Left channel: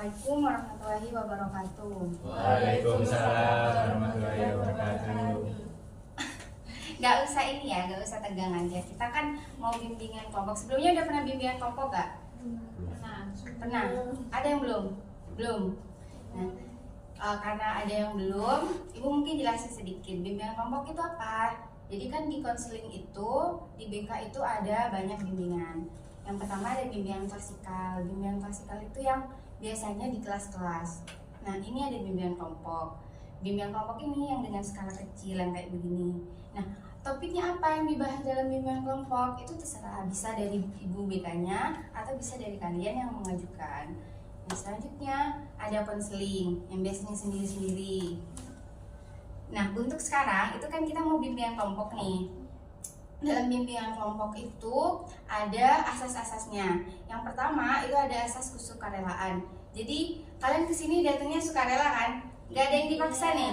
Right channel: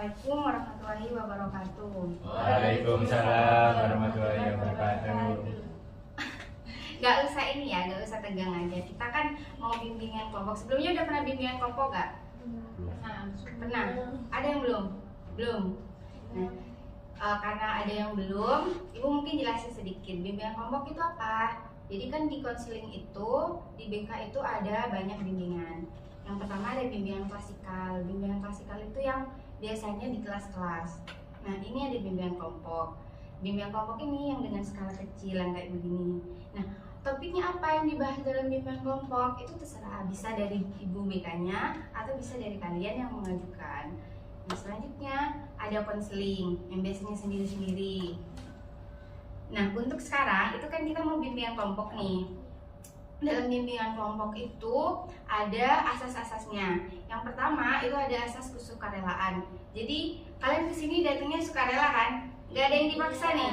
Assalamualaikum warahmatullahi wabarakatuh. Waalaikumsalam warahmatullahi wabarakatuh. Gak usah ini ya, gak usah tegang aja. Kita kan mau bimbingan kelompok. Sebelumnya udah pernah bimbingan kelompok gak? Pernah. Ada yang belum? Belum. Nah, karena ada yang belum, Ibu mungkin jelasin sedikit. Bimbingan kelompok itu apa? Jadi kan di konseling itu, di BK itu ada banyak bimbingan. Yang pertama ada bimbingan klasikal. Bimbingan klasikal itu yang biasanya di kelas-kelas. Nah, ini ada bimbingan kelompok. Bimbingan kelompok ini yang dengan skala kecil yang kayak begini. Nah, topiknya apa yang dibahas dalam bimbingan kelompok itu terserah, bisa dari ibu BK-nya atau bisa dari kalian yang mengajukan. Nah, selanjutnya ada konseling yang biasanya sendiri-sendiri. Nah, untuk sekarang itu kan kita mau bimbingan kelompok nih. Dalam bimbingan kelompok itu ada asas-asasnya. Yang pertama itu ada asas kesukarelaan. Jadi kalian kesini datangnya sukarela kan? Gak ada yang dipaksa nih.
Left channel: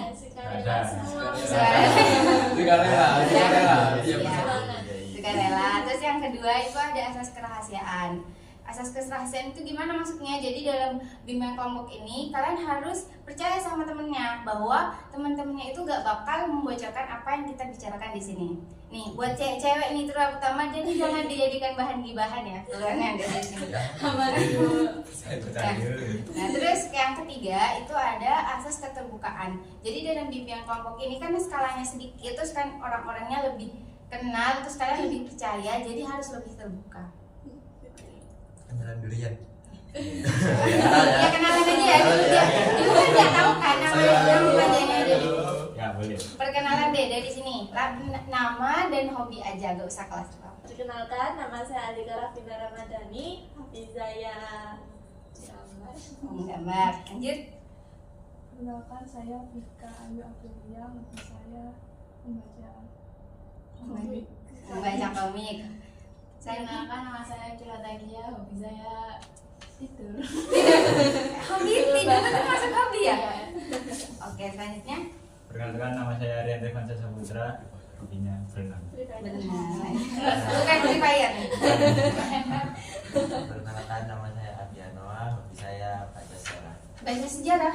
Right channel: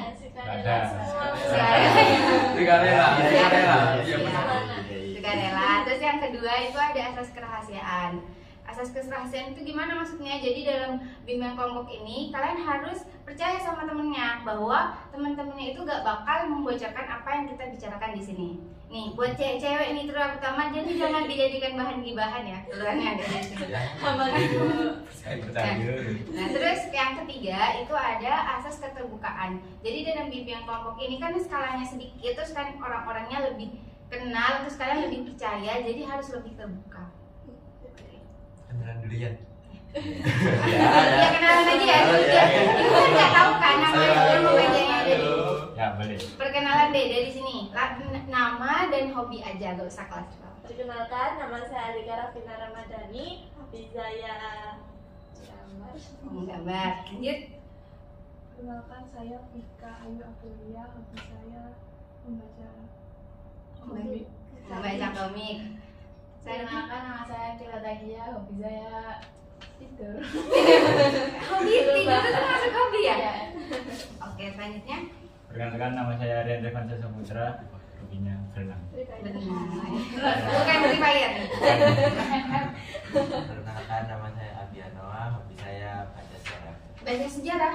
Sukarela. Terus yang kedua itu ada asas kerahasiaan. Asas kerahasiaan itu gimana maksudnya? Jadi dalam bimbingan kelompok ini kalian harus percaya sama temennya bahwa teman-temannya itu gak bakal membocorkan apa yang kita bicarakan di sini. Nih, buat cewek-cewek ini terutama, jadi jangan dijadikan bahan gibahan ya. Kalian yang di sini. Nah, terus yang ketiga itu ada asas keterbukaan. Jadi dalam bimbingan kelompok ini kan skalanya sedikit, terus kan orang-orangnya lebih kenal, terus kalian lebih percaya, jadi harus lebih terbuka. Kenalan durian. Ya kenalan aja ya. Dia nggak tahu kan nama bajanya dari. Ya boleh. Perkenalan deh dari sini. Nama dan hobi aja, gak usah kelas. Perkenalkan, nama saya Alika Rafina Ramadhani, hobi saya Gambar. Lanjut. Perkenalkan, saya Vika Ayu Aprilia, hobi saya membaca komik. Membaca komik. Saya kenalkan, nama saya Kila Tagia, hobi saya tidur. Hobi tidur itu masuk hobi ya? Iya. Oke, selanjutnya. Perkenalkan, nama saya Rian Revansa Saputra, hobinya berenang. Berenang. Bukan Free Fire. Perkenalkan, nama saya Abianoa, hobi saya baca sejarah. Baca sejarah.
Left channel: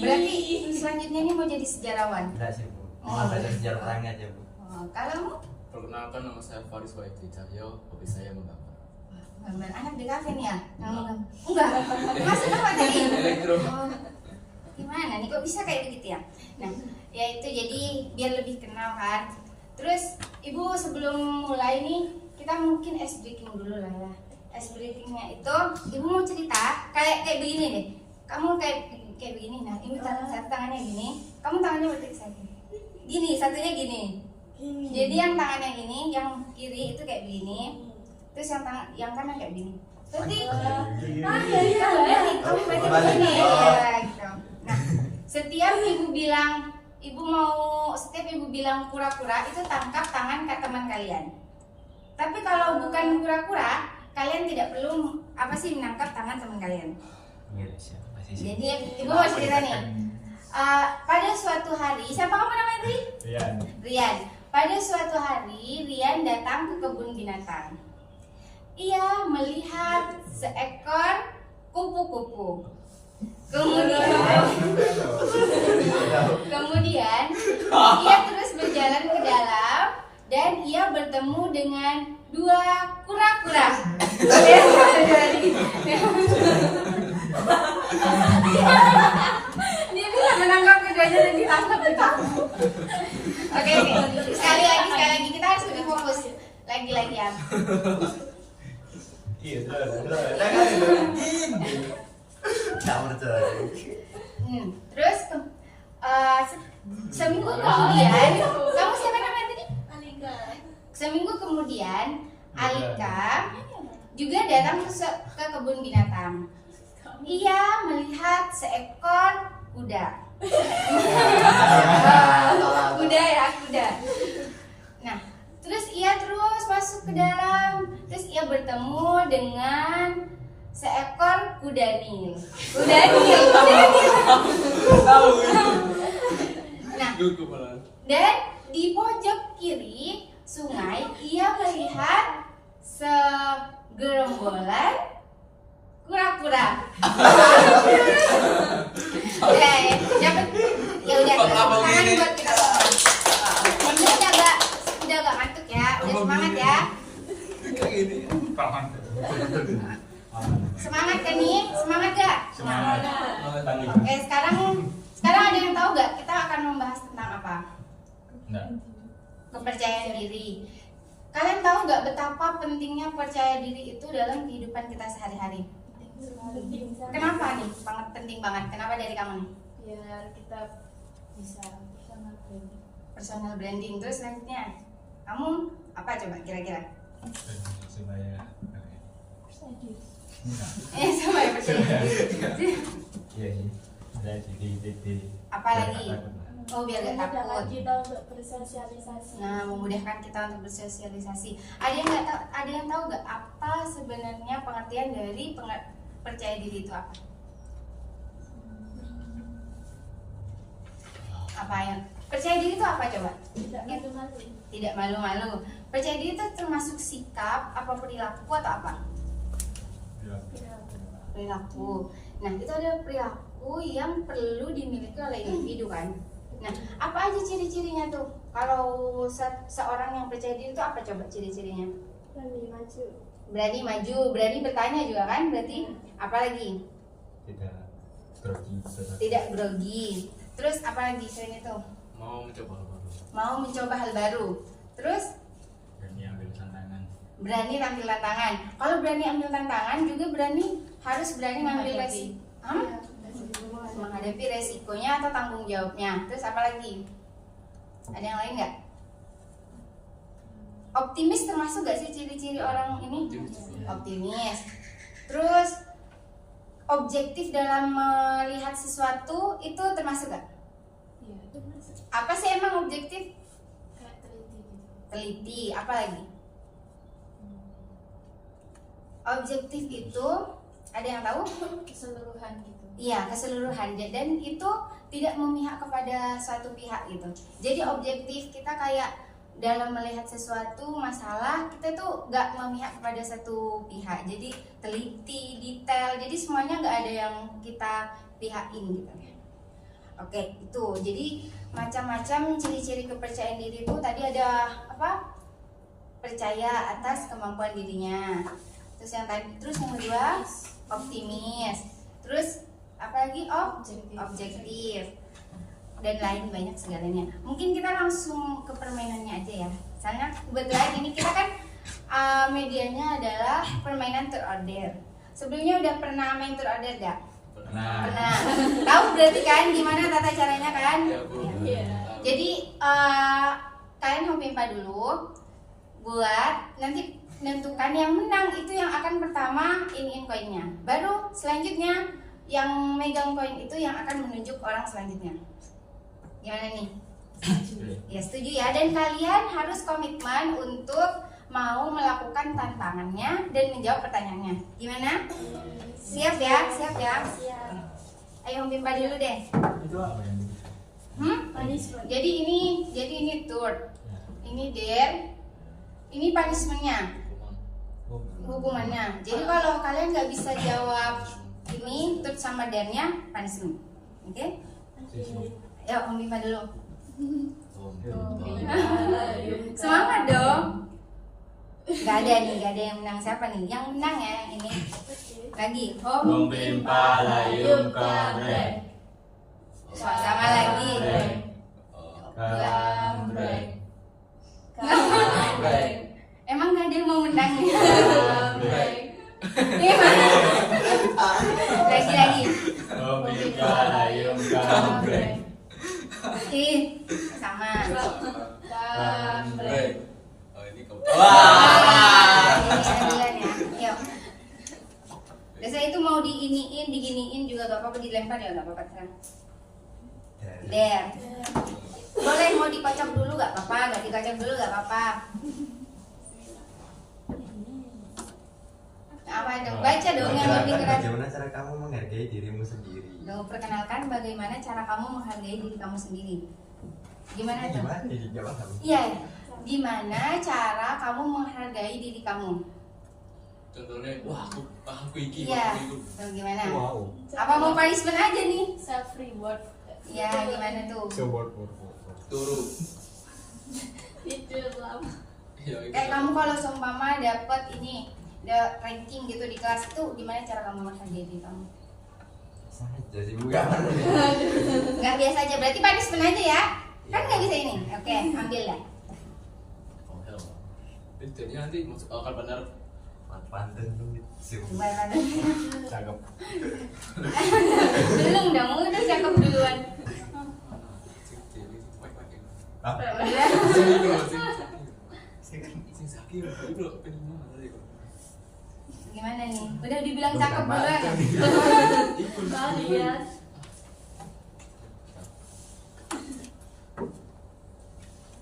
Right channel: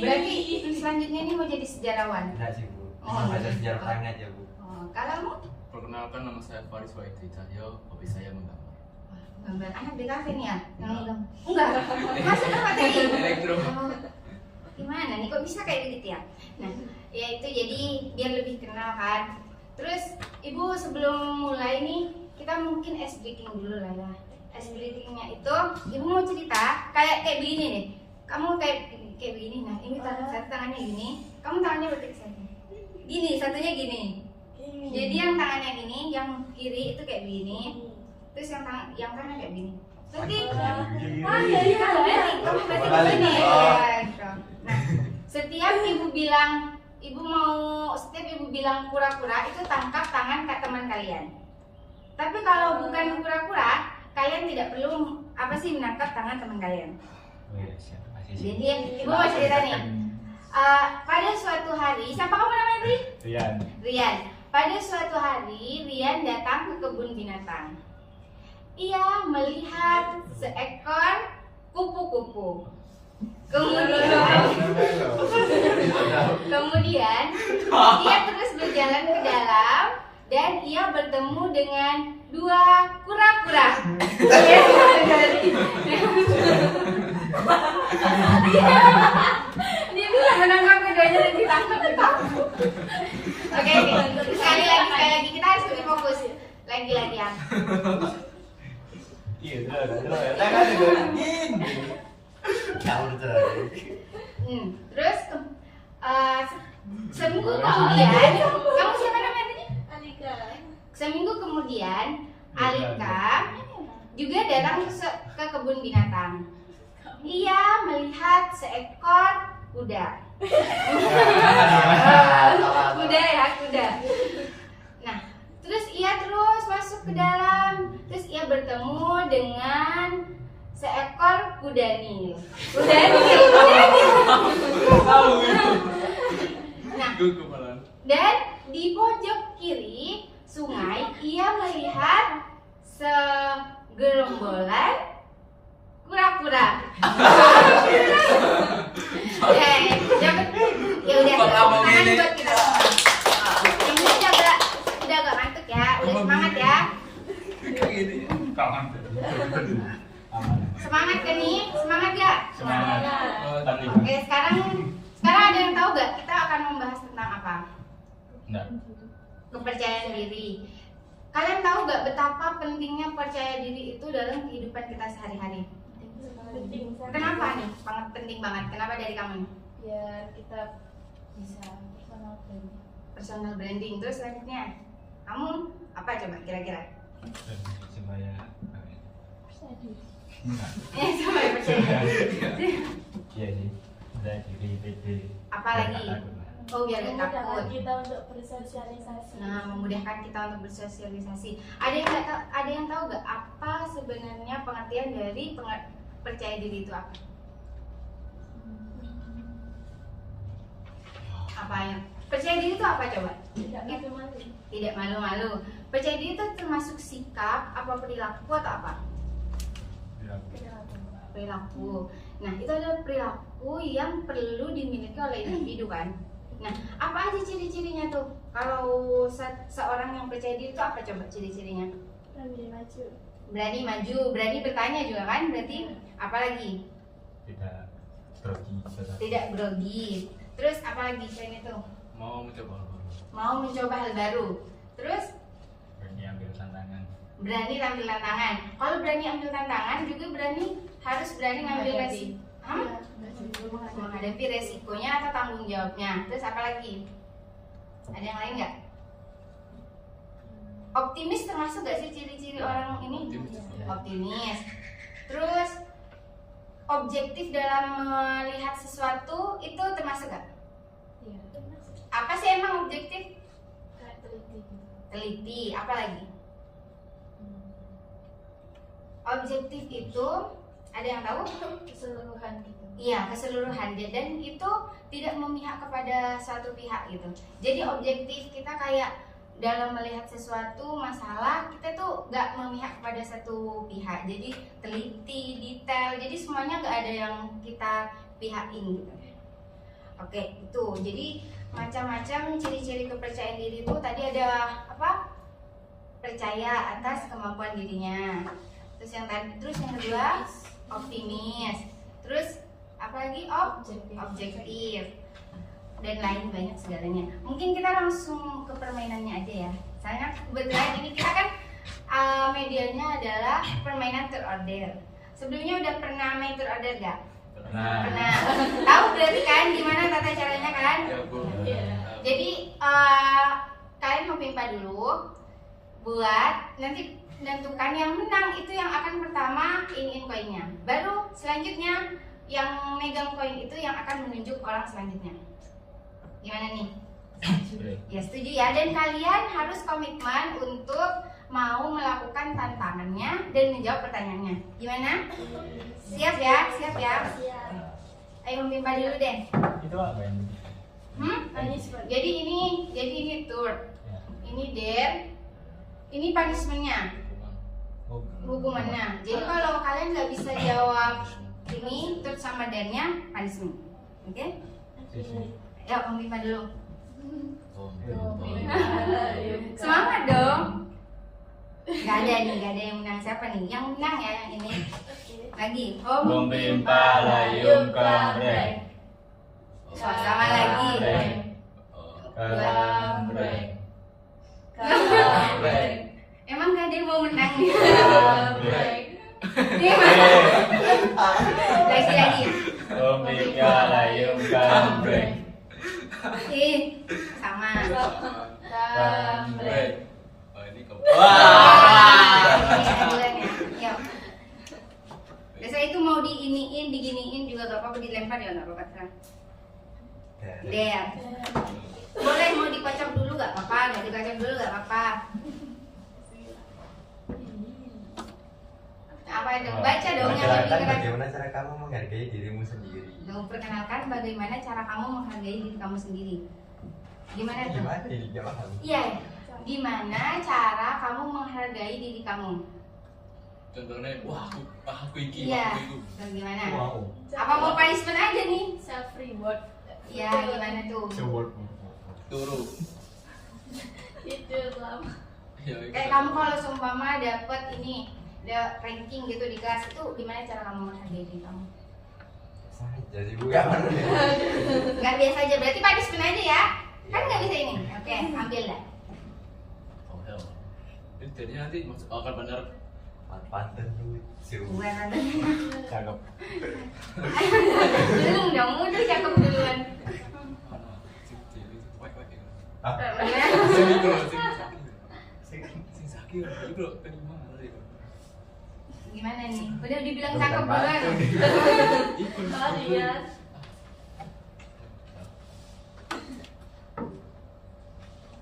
Berarti selanjutnya ini mau jadi sejarawan. Enggak sih Bu, cuma baca sejarah perang aja Bu. Kamu? Perkenalkan, nama saya Faris Waitri Cahyo, hobi saya menggambar. Gambar anak BKV nih ya? Enggak. Masuk apa tadi? Elektro. Gimana nih kok bisa kayak begitu ya? Nah, ya itu jadi biar lebih kenal kan. Terus ibu sebelum mulai nih kita mungkin ice breaking dulu lah ya. Ice breakingnya itu ibu mau cerita kayak begini nih. Kamu kayak begini. Nah ini satu tangannya gini, kamu tangannya berarti saya. Gini, satunya gini. Jadi yang tangannya gini, yang kiri itu kayak begini. Terus yang kanan kayak begini. Berarti kamu berarti begini ya gitu. Nah, setiap ibu bilang kura-kura itu tangkap tangan ke teman kalian. Tapi kalau bukan kura-kura, kalian tidak perlu menangkap tangan teman kalian. Jadi ibu mau cerita nih. Pada suatu hari, siapa kamu namanya Ri? Rian. Pada suatu hari Rian datang ke kebun binatang. Ia melihat seekor kupu-kupu. Kemudian ia terus berjalan ke dalam dan ia bertemu dengan dua kura-kura. Dia bisa menangkap keduanya dan ditangkap. Oke, sekali lagi kita harus lebih fokus. Lagi ya. Iya, terus. Terus seminggu kemudian, kamu siapa namanya tadi? Alika. Seminggu kemudian, Alika juga datang ke kebun binatang. Ia melihat seekor kuda. Kuda. Nah, terus ia terus masuk ke dalam. Terus ia bertemu dengan seekor kuda nil. Nah, dan di pojok kiri sungai ia melihat segerombolan kura-kura. Dapat. Ya udah. Kok lama Tangan gini? buat kita. Yang ini udah agak ngantuk ya. Udah semangat ya. Kayak gini. Tangan. Semangat kan nih? Semangat gak? Semangat. Tanding. Oke, sekarang ada yang tahu gak kita akan membahas tentang apa? Enggak. Kepercayaan diri. Kalian tahu gak betapa pentingnya percaya diri itu dalam kehidupan kita sehari-hari? Penting sekali. Kenapa nih? Sangat penting banget. Kenapa dari kamu nih? Biar kita bisa personal branding. Personal branding. Terus selanjutnya, kamu apa coba kira-kira? Supaya Percaya diri. enggak. Sama ya percaya diri. Iya sih. Saya jadi pede. Apalagi? Oh, biar gak Memudahkan takut. kita untuk bersosialisasi. Nah, memudahkan kita untuk bersosialisasi. Ada yang tahu gak apa sebenarnya pengertian dari percaya diri itu apa? Apa yang percaya diri itu apa coba? Tidak malu-malu. Tidak malu-malu. Percaya diri itu termasuk sikap, apa perilaku atau apa? Perilaku. Nah, itu adalah perilaku yang perlu dimiliki oleh individu kan. Nah, apa aja ciri-cirinya tuh? Kalau seorang yang percaya diri itu apa coba ciri-cirinya? Berani maju. Berani maju, berani bertanya juga kan? Berarti apa lagi? Tidak grogi. Tidak grogi. Terus apa lagi selain itu? Mau mencoba hal baru. Mau mencoba hal baru. Terus Berani ambil tantangan. berani ambil tantangan. Kalau berani ambil tantangan juga harus berani ngambil resiko. Menghadapi resikonya atau tanggung jawabnya. Terus apa lagi? Ada yang lain nggak? Optimis termasuk nggak sih ciri-ciri orang ini? Optimis. Terus objektif dalam melihat sesuatu itu termasuk nggak? Iya. Apa sih emang objektif? Kayak teliti gitu. Teliti. Apa lagi? Objektif itu ada yang tahu? Keseluruhan gitu. Iya, keseluruhan. Dan itu tidak memihak kepada suatu pihak gitu. Jadi objektif kita kayak dalam melihat sesuatu masalah, kita tuh gak memihak kepada satu pihak. Jadi teliti, detail. Jadi semuanya gak ada yang kita pihakin gitu. Oke, itu. Jadi macam-macam ciri-ciri kepercayaan diri itu tadi ada apa? Percaya atas kemampuan dirinya. Terus yang kedua optimis. Terus apa lagi? Objektif. Dan lain banyak segalanya. Mungkin kita langsung ke permainannya aja ya. Soalnya kebetulan ini kita kan medianya adalah permainan terorder. Sebelumnya udah pernah main terorder gak? Pernah. Tahu berarti kan gimana tata caranya kan? Ya, Bu. Iya. Jadi kalian hompimpa dulu buat nanti menentukan yang menang itu yang akan pertama iniin koinnya. Baru selanjutnya yang megang koin itu yang akan menunjuk orang selanjutnya. Gimana nih? Ya setuju ya. Dan kalian harus komitmen untuk mau melakukan tantangannya dan menjawab pertanyaannya. Gimana? Siap ya? Siap ya? Siap. Ayo hompimpa dulu deh. Itu apa ini? Punishment. Jadi ini tour. Ya. Ini dare. Ini punishmentnya, hukumannya. Jadi kalau kalian nggak bisa jawab ini, terus sama dare-nya punishment. Oke? Ya, Om Bipa dulu. Semangat dong. Gak ada yang menang. Siapa nih? Yang menang ya yang ini. Lagi. Om Bimpa layum kamreng. Sama lagi. Kamreng. Emang gak ada yang mau menang nih? Kamreng. Lagi. Om Bimpa layum kamreng. Sama. Kamreng. Oh, ini kau. Duluan ya. Yuk. Biasa itu mau diginiin juga gak apa-apa, dilempar ya gak apa-apa. Terang. Dare. Boleh mau dikocok dulu gak apa-apa, gak dikocok dulu gak apa-apa. Apa dong? Baca dong yang lebih keras. Bagaimana cara kamu menghargai dirimu sendiri? Dong, perkenalkan bagaimana cara kamu menghargai diri kamu sendiri. Gimana tuh? Gimana ini? Gak paham. Iya, gimana cara kamu menghargai diri kamu? Contohnya, wah aku iki, Iya. aku iku. Tuh, gimana? Wow. Apa mau punishment aja nih? Self reward. Ya, gimana tuh? Turu. Tidur lama. Ya, itu. Kayak kamu kalau seumpama dapet ini, ada ranking gitu di kelas itu, gimana cara kamu menghargai diri kamu? Saja sih bukan. Nggak biasa aja, berarti punishment aja ya? Kan nggak bisa ini? Oke, ambil lah. Oh, hell. Jadinya nanti akan benar. Pantun tuh sirup. Gimana? Cakep. Belum dong, udah cakep duluan. Ah, Sing sakit, itu loh penima tadi. Gimana nih? Udah dibilang Bukan cakep duluan. pantun. Kalian.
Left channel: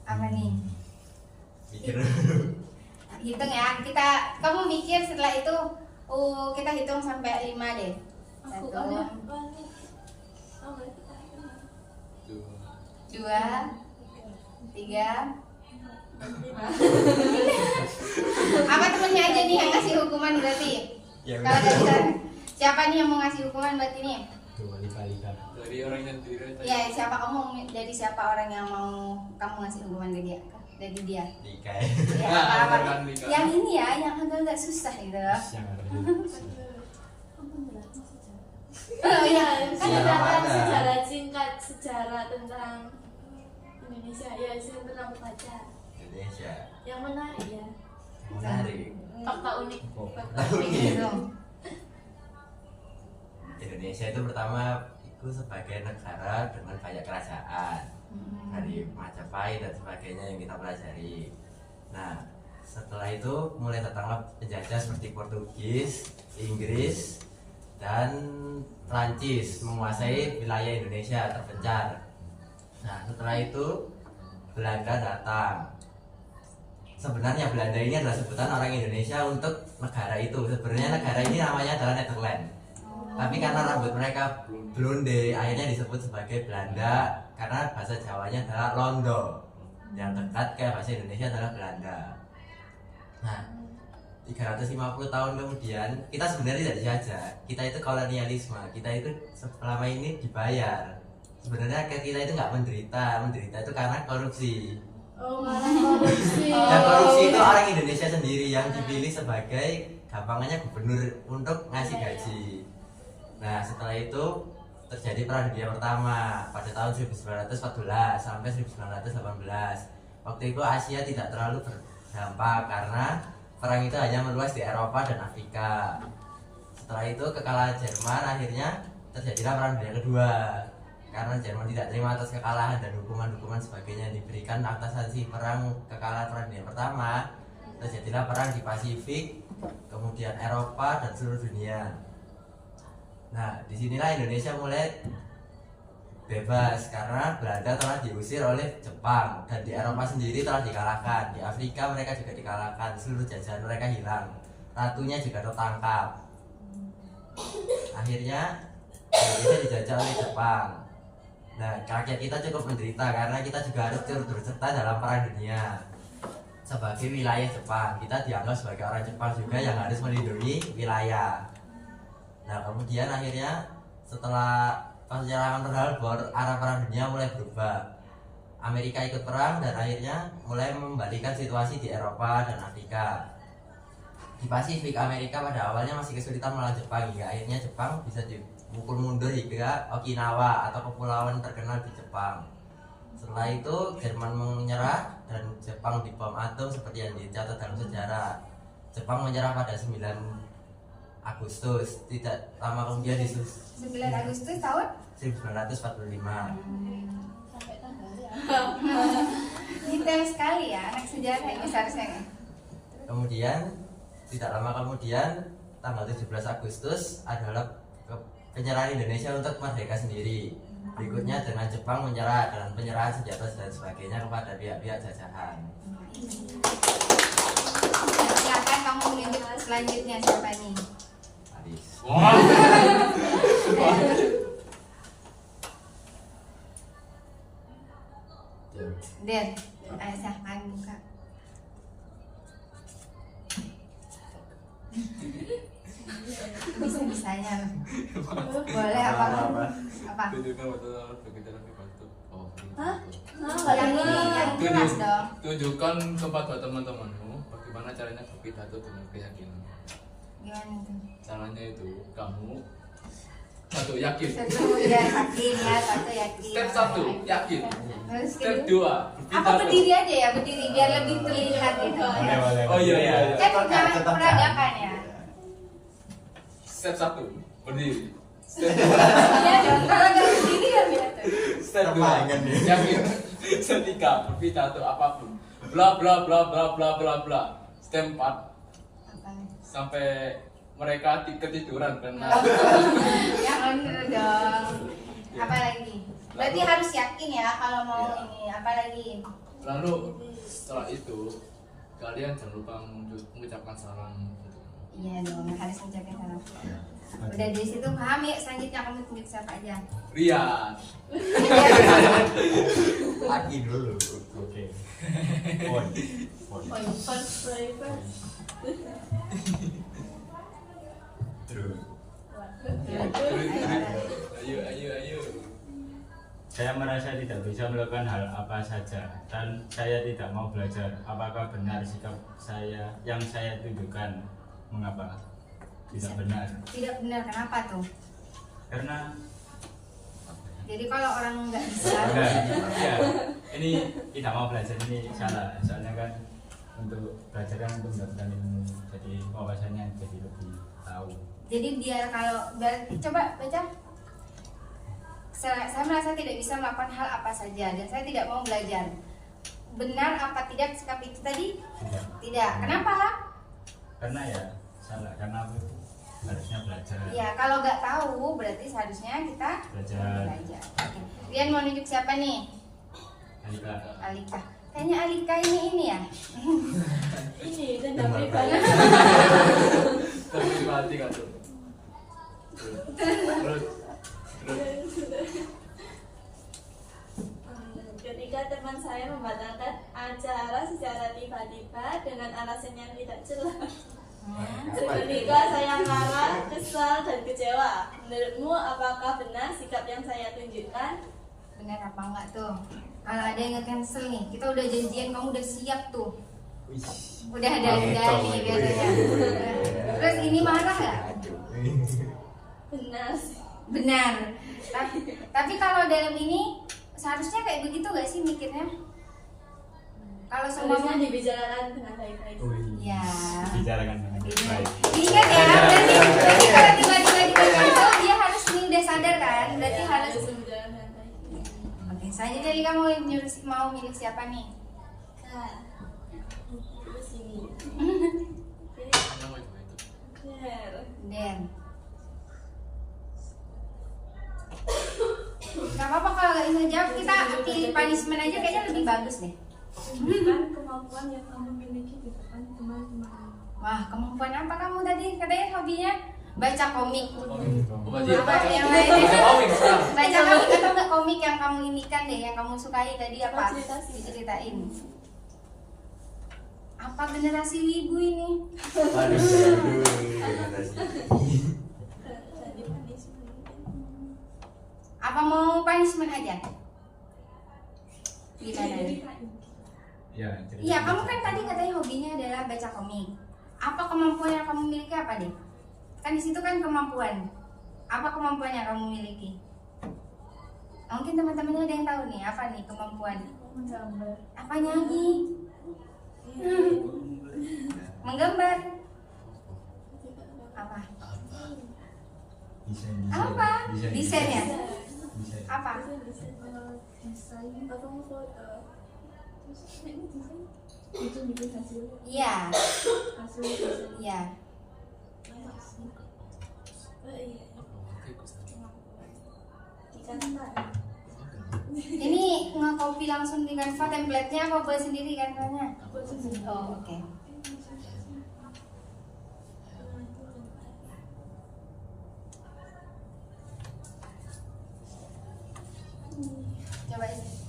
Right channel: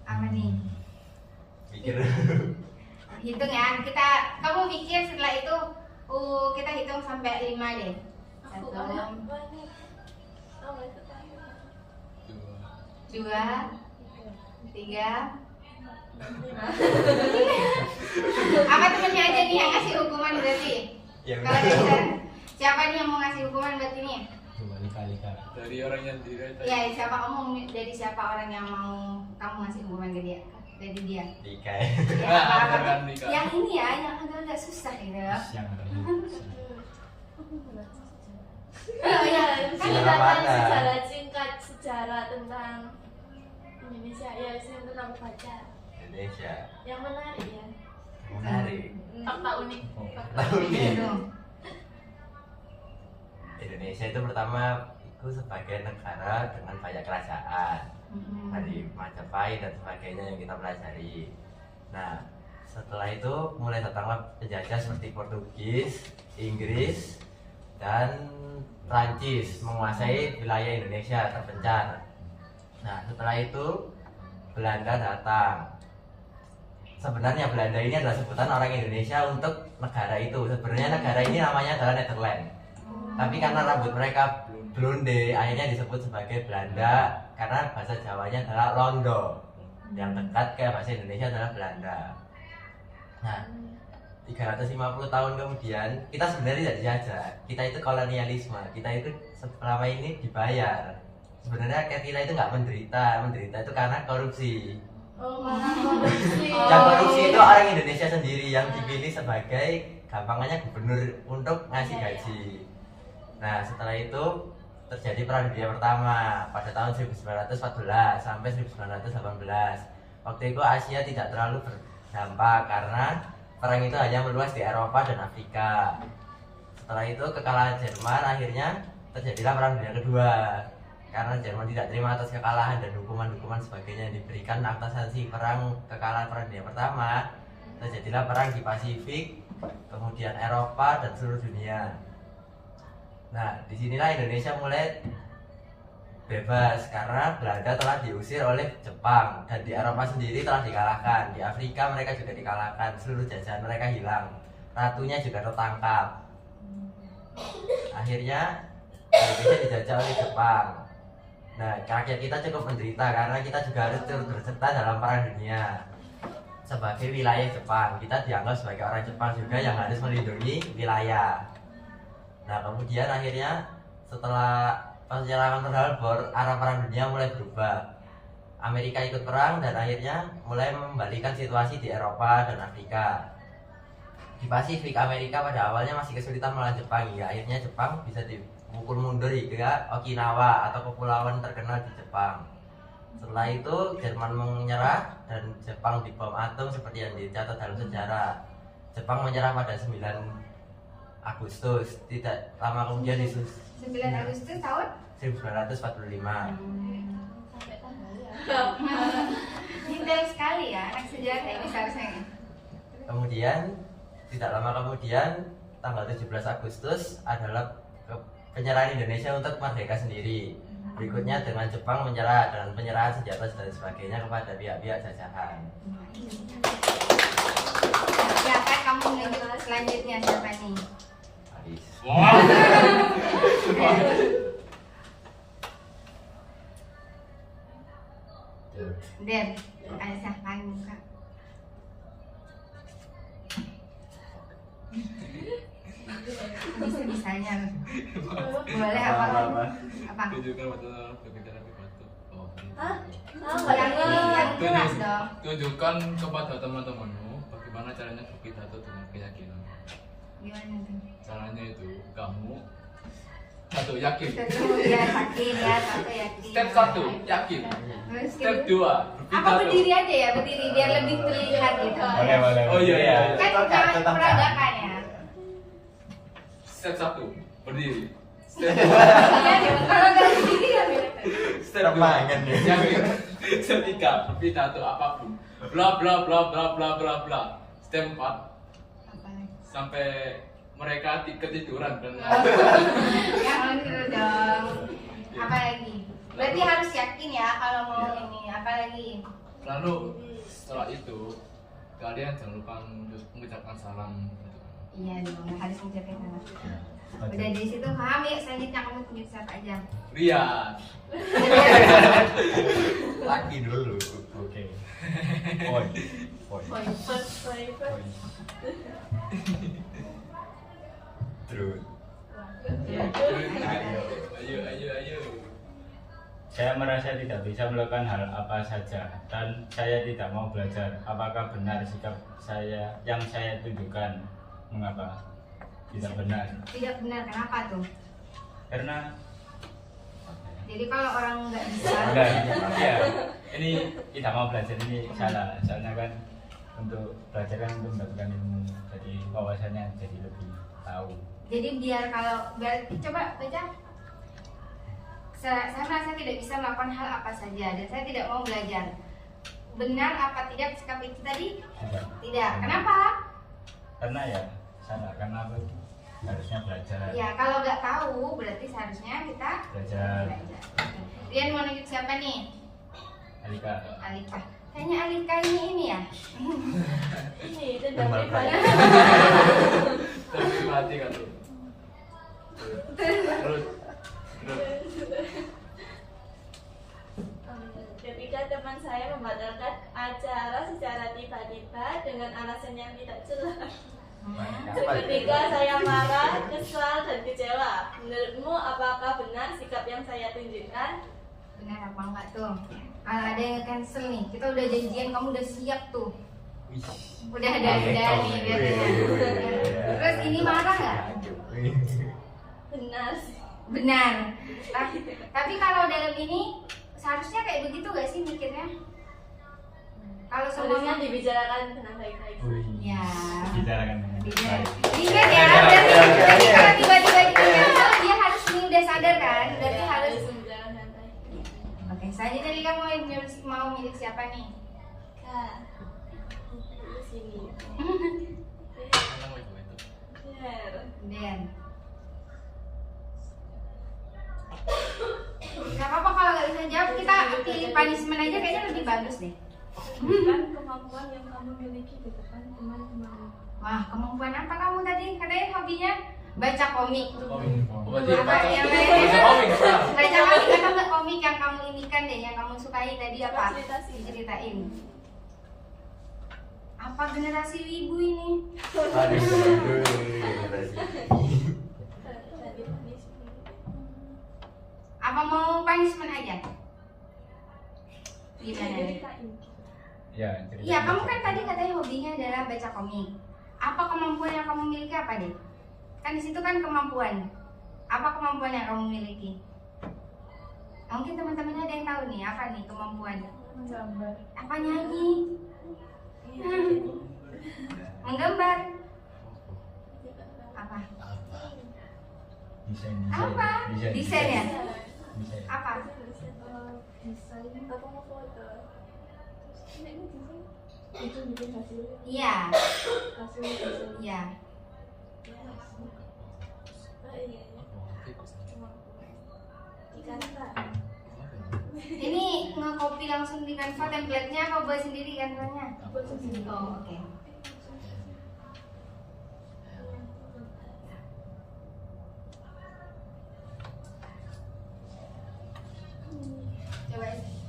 Apa nih? Pikir. Hitung ya, kamu mikir setelah itu kita hitung sampai 5 deh. Aku 1, banyak. Oh, nggak ketahuan. 2, 3. Apa temennya aja nih yang ngasih hukuman berarti? Ya Kalau udah. dari siapa nih yang mau ngasih hukuman berarti nih? Coba dikali-kali. Dari orang yang diri tadi. Ya siapa kamu dari siapa orang yang mau kamu ngasih hukuman ke dia? Dari dia. Nikah. Ya, Ah, apa-apa. beneran nikah. Yang ini ya, yang agak-agak susah gitu. Yang lebih. Oh iya, kan Sejarah udah mana? Sejarah singkat, sejarah tentang Indonesia ya, itu tentang baca. Indonesia. Yang menarik ya. Menarik. Fakta unik. Fakta Tahu unik. nih. gitu. Indonesia itu pertama itu sebagai negara dengan banyak kerajaan. Dari Majapahit dan sebagainya yang kita pelajari. Nah, setelah itu mulai datanglah penjajah seperti Portugis, Inggris, dan Prancis menguasai wilayah Indonesia terpencar. Nah, setelah itu Belanda datang. Sebenarnya Belanda ini adalah sebutan orang Indonesia untuk negara itu. Sebenarnya negara ini namanya adalah Netherlands. Tapi karena rambut mereka blonde, akhirnya disebut sebagai Belanda karena bahasa Jawanya adalah Londo. Yang dekat ke bahasa Indonesia adalah Belanda. Nah, 350 tahun kemudian kita sebenarnya tidak dijajah. Kita itu kolonialisme. Kita itu selama ini dibayar. Sebenarnya kita itu nggak menderita. Menderita itu karena korupsi. Oh, malah korupsi. Yang korupsi itu orang Indonesia sendiri yang dipilih sebagai gampangannya gubernur untuk ngasih gaji. Nah, setelah itu terjadi Perang Dunia Pertama pada tahun 1914 sampai 1918. Waktu itu Asia tidak terlalu berdampak karena perang itu hanya meluas di Eropa dan Afrika. Setelah itu kekalahan Jerman akhirnya terjadilah Perang Dunia Kedua. Karena Jerman tidak terima atas kekalahan dan hukuman-hukuman sebagainya yang diberikan atas sanksi kekalahan Perang Dunia Pertama, terjadilah perang di Pasifik, kemudian Eropa dan seluruh dunia. Nah, disinilah Indonesia mulai bebas karena Belanda telah diusir oleh Jepang dan di Eropa sendiri telah dikalahkan. Di Afrika mereka juga dikalahkan, seluruh jajahan mereka hilang, ratunya juga tertangkap. Akhirnya Indonesia dijajah oleh Jepang. Nah, rakyat kita cukup menderita karena kita juga harus turut berserta dalam perang dunia. Sebagai wilayah Jepang, kita dianggap sebagai orang Jepang juga yang harus melindungi wilayah. Nah, kemudian akhirnya setelah penyerangan Pearl Harbor, arah perang dunia mulai berubah. Amerika ikut perang dan akhirnya mulai membalikan situasi di Eropa dan Afrika. Di Pasifik, Amerika pada awalnya masih kesulitan melawan Jepang hingga akhirnya Jepang bisa dipukul mundur hingga Okinawa atau kepulauan terkenal di Jepang. Setelah itu Jerman menyerah dan Jepang dibom atom seperti yang dicatat dalam sejarah. Jepang menyerah pada 9 Agustus, tidak lama kemudian di 9 Agustus tahun 1945. Sampai tanggalnya. detail sekali ya anak sejarah ini seharusnya. Kemudian tidak lama kemudian tanggal 17 Agustus adalah penyerahan Indonesia untuk merdeka sendiri. Berikutnya dengan Jepang menyerah dengan penyerahan senjata dan sebagainya kepada pihak-pihak jajahan. Silakan kamu menunjuk selanjutnya siapa nih? Hadis. Den, silakan buka. Bisa-bisanya. Boleh apa? Apa? Tunjukkan batu bergejala batu. Oh. Hah? Yang jelas dong. Tunjukkan kepada teman-temanmu bagaimana caranya berpidato dengan keyakinan. Gimana tuh? Caranya itu kamu satu yakin. Satu ya yakin ya, satu yakin. Step 1 yakin. Terus Step kedua, 2 apa berpidato. berdiri aja ya, berdiri biar lebih terlihat gitu. Boleh, boleh. Oh, iya, iya. Kan jangan peragakan ya. Step 1 berdiri. Step Iya dong, kalau nggak berdiri ya bilang. Step 2 yakin. Step 3 berpidato apapun. Bla bla bla bla bla bla bla. Step 4 sampai mereka ketiduran karena Ya bener dong. Apa lagi? Berarti harus yakin ya kalau mau ini. Apa lagi? lalu setelah itu kalian jangan lupa mengucapkan salam. Iya dong, harus mengucapkan salam. Udah di situ paham ya. Selanjutnya kamu tunjuk siapa aja. Rian. Laki dulu. Oke. Poin. First. Terus. Ayo. Saya merasa tidak bisa melakukan hal apa saja dan saya tidak mau belajar. Apakah benar sikap saya yang saya tunjukkan? Mengapa? Tidak benar. Tidak benar, kenapa tuh? Karena Jadi kalau orang nggak bisa, Enggak, ya, ini tidak mau belajar ini salah. Soalnya kan untuk belajar kan untuk mendapatkan ilmu, jadi wawasannya jadi lebih tahu. jadi biar coba baca. Saya merasa tidak bisa melakukan hal apa saja dan saya tidak mau belajar. Benar apa tidak sikap itu tadi? Tidak. Kenapa? Karena ya salah, karena aku harusnya belajar. Ya kalau nggak tahu berarti seharusnya kita Belajar. belajar. Rian mau nunjuk siapa nih? Alika. Alika. Kayaknya Alika ini ya. Ini dendam pribadi. Terpribadi kan tuh. Terus. Ketika teman saya membatalkan acara secara tiba-tiba dengan alasan yang tidak jelas. Seketika saya marah, kesal, dan kecewa. Menurutmu apakah benar sikap yang saya tunjukkan? Benar apa enggak tuh? Kalau ada yang cancel nih, kita udah janjian, kamu udah siap tuh. Udah ada nih biasanya. Terus ini marah nggak? Benar sih. Benar. Tapi kalau dalam ini seharusnya kayak begitu gak sih mikirnya? Kalau Seharusnya semuanya dibicarakan dengan baik-baik. ya. Bicarakan dengan Ingat baik. ya, berarti kalau tiba-tiba di cancel dia harus udah sadar kan? Berarti harus. Harus dibicarakan dengan baik. Oke, selanjutnya Lika mau milik siapa nih? Kak, itu sini. Yang mau itu. Benar. Den. Gak apa-apa kalau nggak bisa jawab, kita pilih punishment aja kayaknya lebih bagus deh. Tunjukkan kemampuan yang kamu miliki di depan teman-teman. Wah, kemampuan apa kamu tadi? Katanya hobinya baca komik. Baca komik sekarang. Baca komik atau nggak komik yang kamu inikan deh, yang kamu sukai tadi apa? Ceritain. Apa generasi wibu ini? Apa mau punishment aja? Gimana nih? Ya, cerita. Iya, kamu kan tadi katanya hobinya adalah baca komik. Apa kemampuan yang kamu miliki apa deh? Kan di situ kan kemampuan. Apa kemampuan yang kamu miliki? Mungkin teman-temannya ada yang tahu nih apa nih kemampuan? Gambar. Apa nyanyi? Menggambar? Apa? Desain. Apa? Desain ya? Desain. Apa? Desain apa mau foto? Terus ini desain itu bikin hasilnya. Iya, Hasil desain. iya. Oh iya. Di Canva. Ini nge-copy langsung di Canva template-nya apa buat sendiri Canva-nya? Buat sendiri. Oh, oke.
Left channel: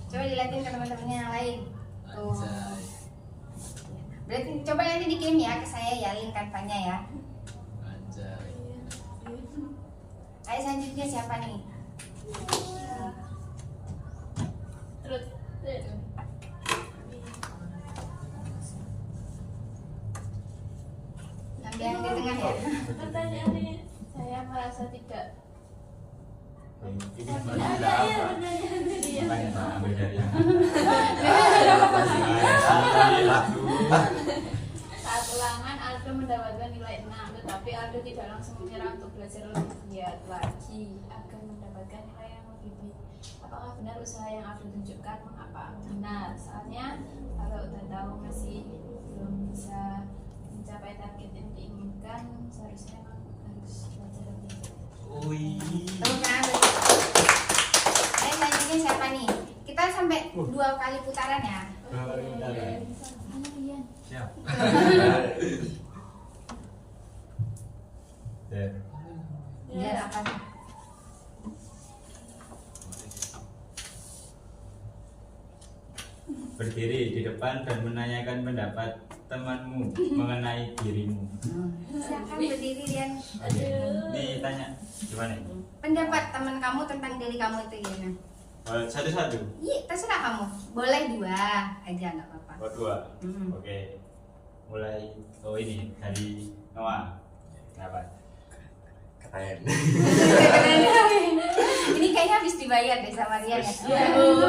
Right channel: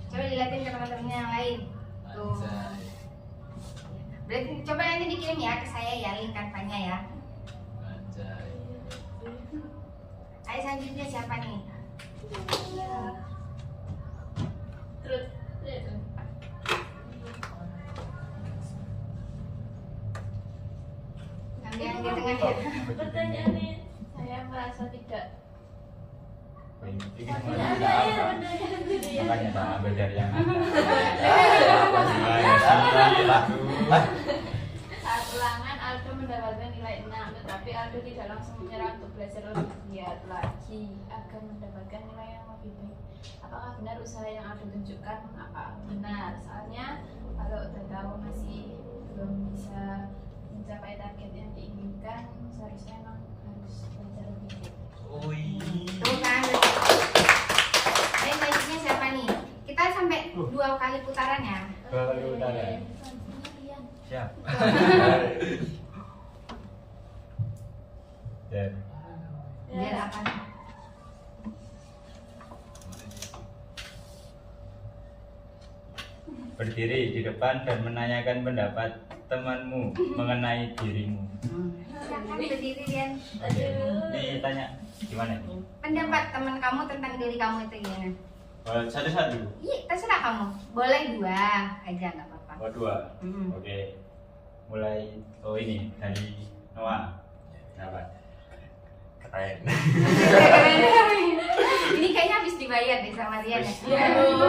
Coba dilihatin ke teman-temannya yang lain. Tuh. Anjay. Berarti coba nanti dikirim ya ke saya ya link Canva-nya ya. Anjay. Ayo selanjutnya siapa nih? Terus Ambil yang di tengah ya. pertanyaan ini Saya merasa tidak. Ini kan ada tidak ya apa. pertanyaan ini ya. Makanya tak ambil dari yang Saat ulangan Aldo mendapatkan nilai 6, tetapi Aldo tidak langsung menyerah untuk belajar lebih giat lagi agar mendapatkan nilai yang lebih baik. Apakah benar usaha yang Aldo tunjukkan? Apa benar? Soalnya kalau udah tahu masih belum bisa mencapai target yang diinginkan, seharusnya memang harus belajar lebih giat. Tuh kan. Ayo selanjutnya siapa nih? Kita sampai 2 kali putaran ya. siap. Dan Biar apa nih? berdiri di depan dan menanyakan pendapat temanmu mengenai dirimu. Silakan berdiri Rian. Oke. Ini tanya gimana? Pendapat teman kamu tentang diri kamu itu gimana? Satu-satu. Iya, terserah kamu. Boleh 2 aja nggak apa-apa. Oh, 2. Hmm. Oke. Mulai ini dari Noah. Apa? Keren. Ini kayaknya habis dibayar deh sama Rian ya.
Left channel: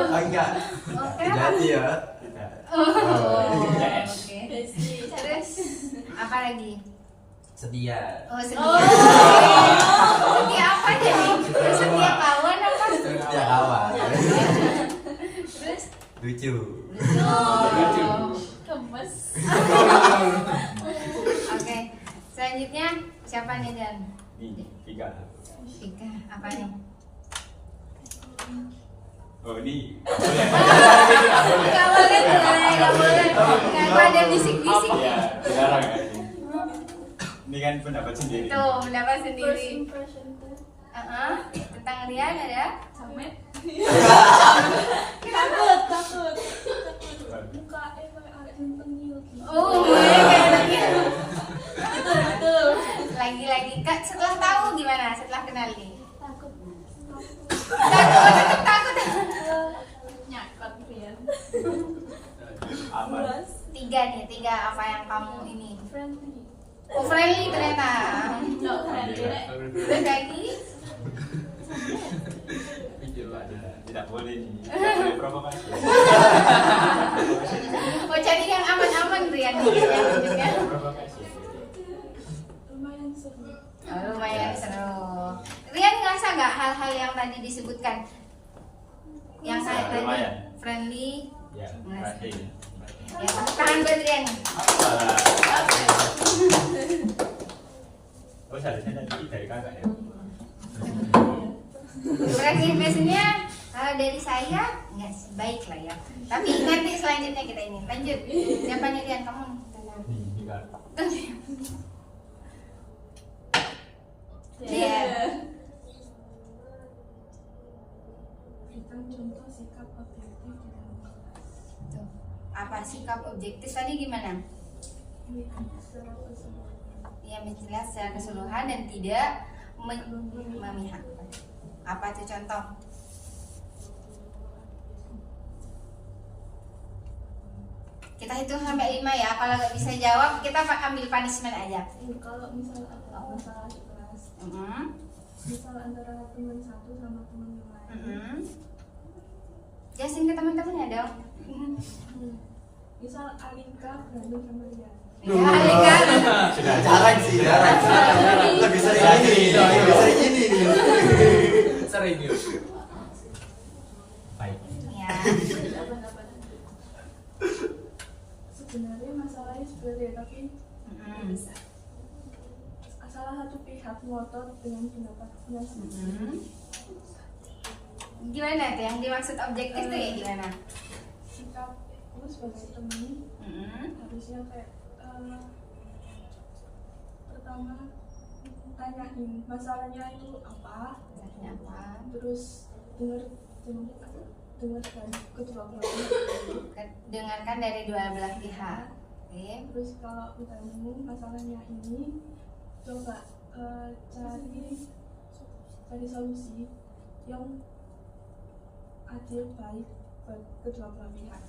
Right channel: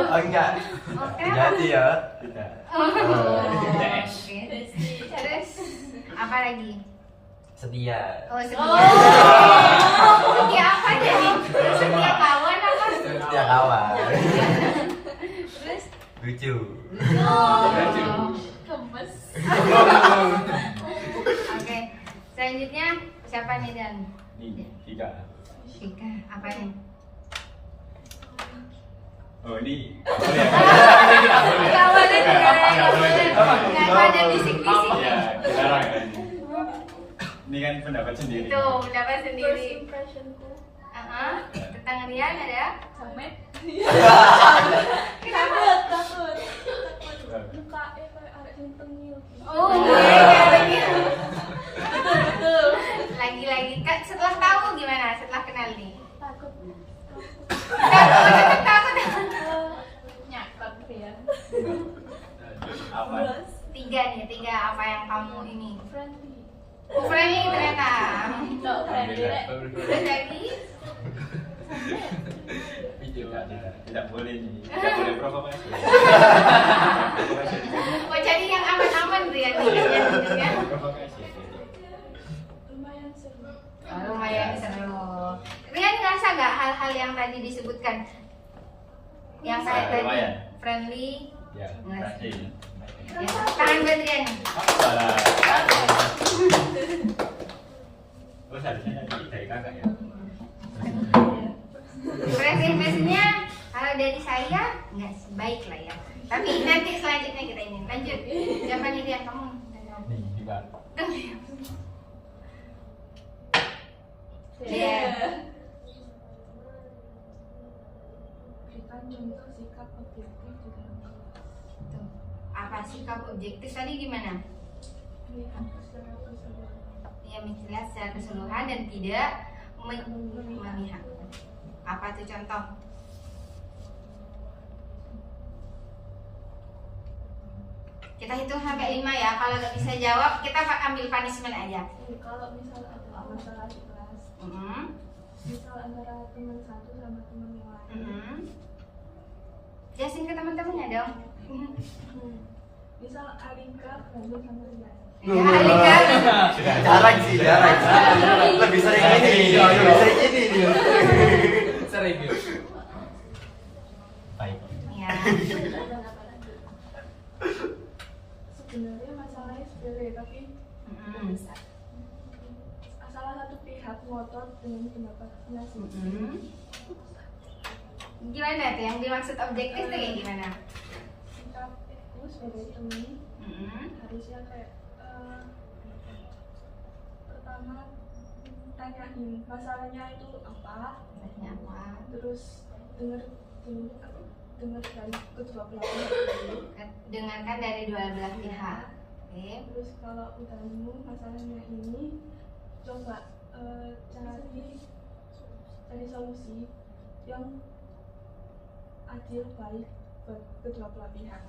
Oh enggak. Oh, kenapa? Jadi ya. Tidak. Oh, Yes. oke. Terus apa lagi? Setia. Oh, setia. Setia apa jadi? Setia kawan apa? Setia kawan. Terus Lucu. Lucu. Gemes. oke. Selanjutnya siapa nih Dan? Ini 3. Ika, apa nih? Oh, ini. Nggak boleh, nggak boleh. Kenapa ada bisik-bisik? Iya, dilarang kan ini. Ini kan pendapat sendiri. Tuh, pendapat First sendiri. impressionku. Tentang Rian ada? Samet. Takut. Mukanya kayak arek tengil gitu. Oh, kayak gitu. Betul. Lagi-lagi Kak, setelah tahu gimana? Setelah kenal nih? Takut. Takut, tetap takut. Nyakot Rian. Apa? Luas. 3 nih, 3 apa yang kamu ini? Friendly. Oh, friendly ternyata. Nggak friendly Rek. Terus lagi? Tidak boleh nih. Tidak boleh provokasi. Oh, jadi yang aman-aman Rian nih tunjuknya. Provokasi. Lumayan seru. Oh, lumayan seru. Rian ngerasa nggak hal-hal yang tadi disebutkan? Yang kayak tadi Lumayan. friendly. Ya, Ngerasa. berhasil. Ya, tangan buat Rian. Oh, seharusnya tadi dari kakak ya. Preferensinya kalau dari saya nggak baik lah ya. Tapi nanti selanjutnya kita ini lanjut. Siapa nih Rian kamu? Nih, juga. Iya. Berikan contoh sikap objektif di dalam kelas. Tuh. Apa sikap objektif tadi gimana? Melihat secara keseluruhan. Ya melihat secara keseluruhan dan tidak memihak. Apa tuh contoh? Kita hitung sampai 5 ya. Kalau nggak bisa jawab, kita ambil punishment aja. Kalau misal ada masalah di kelas, misal antara teman satu sama teman yang lain, Jelasin ke teman-temannya dong. misal Alika berantem sama Rian. Ya, Alika. Jarang sih, jarang. Lebih sering ini. Lebih sering ini. Sering ya. Baik. Ya. Sebenarnya masalahnya sepele, tapi Mm-mm. salah satu pihak ngotot dengan pendapatnya sendiri. Gimana tuh yang dimaksud objektif tuh kayak gimana? Sikapku sebagai teman harusnya kayak pertama tanyain masalahnya itu apa, Apa? terus dengar dari kedua belah pihak. Dengarkan dari dua belah pihak. Oke. Terus kalau udah nemu masalahnya ini, coba cari cari solusi yang adil baik buat kedua belah pihak.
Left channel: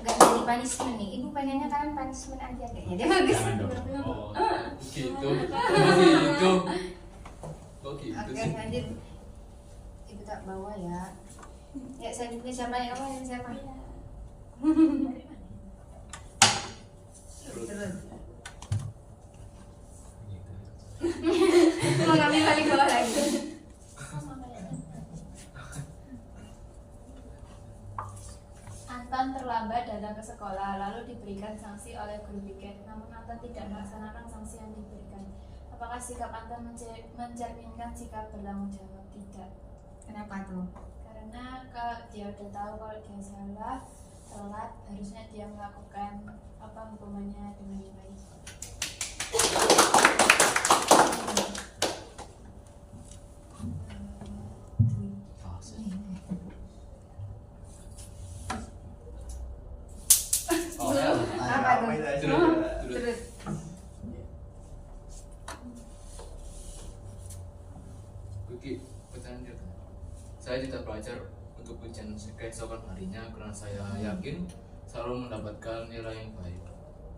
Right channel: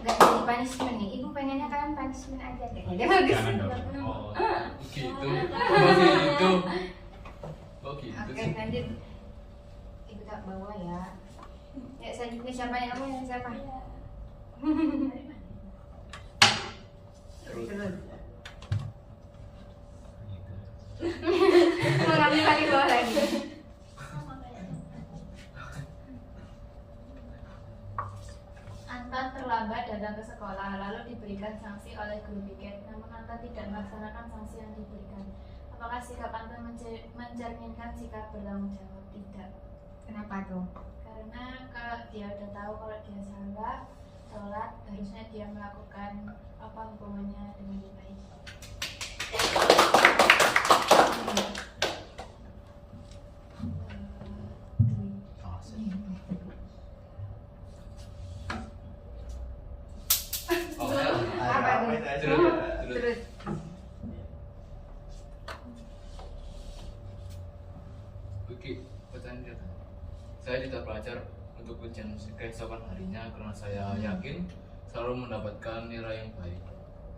Gak jadi punishment nih, ibu pengennya kalian punishment aja kayaknya dia bagus. Jangan dong. Oh, gitu. Begitu. Oh gitu Oke, sih. lanjut. Ibu tak bawa ya. Ya selanjutnya siapa nih, kamu yang siapa? Terus. Terus. Mau ngambil paling bawah lagi. Anton terlambat datang ke sekolah lalu diberikan sanksi oleh guru piket, namun Anton tidak melaksanakan sanksi yang diberikan. Apakah sikap Anton mencerminkan sikap bertanggung jawab? Tidak. Kenapa tuh? Karena kalau dia udah tahu kalau dia salah, telat, harusnya dia melakukan apa hukumannya dengan baik. Oh, ya. Apa tuh? Terus. Terus. Oke, pertanyaan dia. Saya tidak belajar untuk ujian keesokan harinya karena saya yakin selalu mendapatkan nilai yang baik.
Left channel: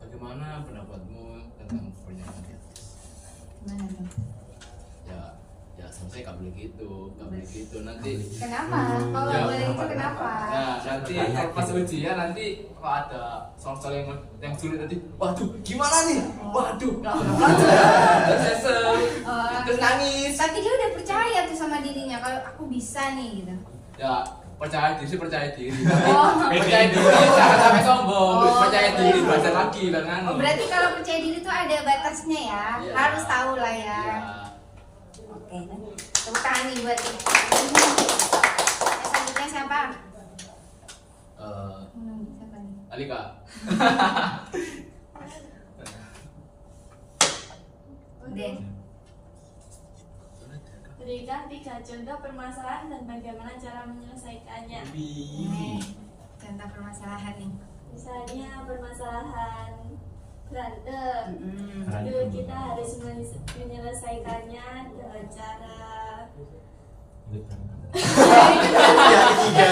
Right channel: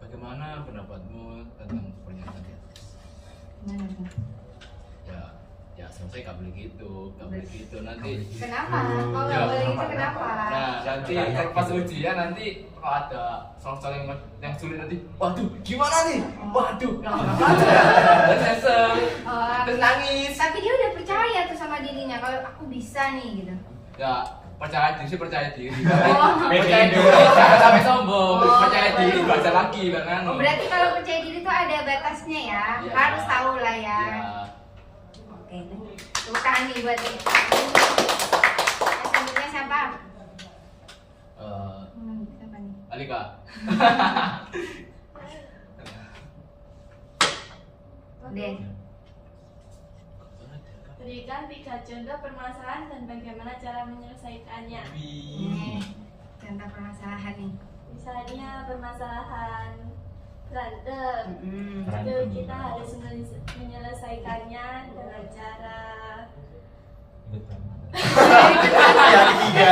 Bagaimana pendapatmu tentang pernyataan di atas? Gimana tuh? Ya selesai gak boleh gitu, gak boleh gitu nanti. Kenapa? Kalau Ya, boleh itu kenapa? Nah nanti kalau pas ujian nanti kalau ada soal-soal yang sulit nanti, waduh gimana nih? Waduh, nggak belajar ya, terus nyesel, Oh, terus nangis. tapi dia udah percaya tuh sama dirinya kalau aku bisa nih gitu. Ya percaya diri sih percaya diri, tapi Oh. percaya diri jangan sampai sombong, Oh, percaya diri boleh. belajar lagi bang Oh, berarti kalau percaya diri tuh ada batasnya ya, Iya. harus tahu lah ya. Ya. Oke, tepuk tangan nih buat yang selanjutnya siapa? Siapa nih? Alika. Deh. Berikan 3 contoh permasalahan dan bagaimana cara menyelesaikannya. Nih, contoh permasalahan nih. Misalnya permasalahan berantem, Mm-mm. itu kita harus menyelesaikannya dengan cara Yang ketiga.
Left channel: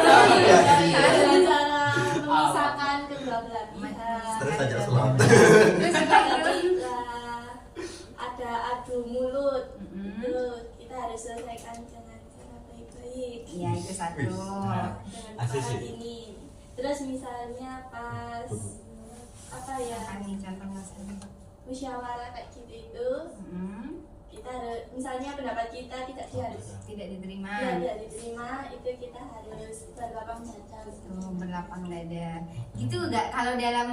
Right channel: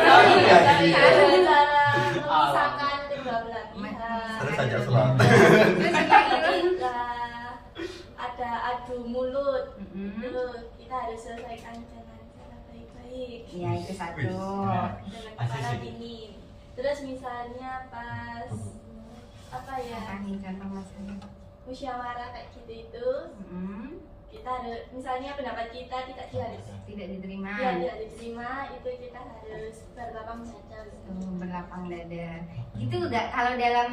Yang ketiga. dengan cara memisahkan kedua belah pihak. Terus aja selat. Terus yang kayak gitu. Ketika ada adu mulut, Mm-mm. itu kita harus selesaikan dengan cara baik-baik. Iya, itu satu. Nah, Dengan Asik kepala sih. dingin. Terus misalnya pas apa ya, Apa nih contoh masalah? musyawarah kayak gitu itu, Mm-mm. kita harus misalnya pendapat kita tidak Tidak diterima. tidak diterima, itu kita harus berlapang dada gitu. Tuh, berlapang dada. Gitu gak kalau dalam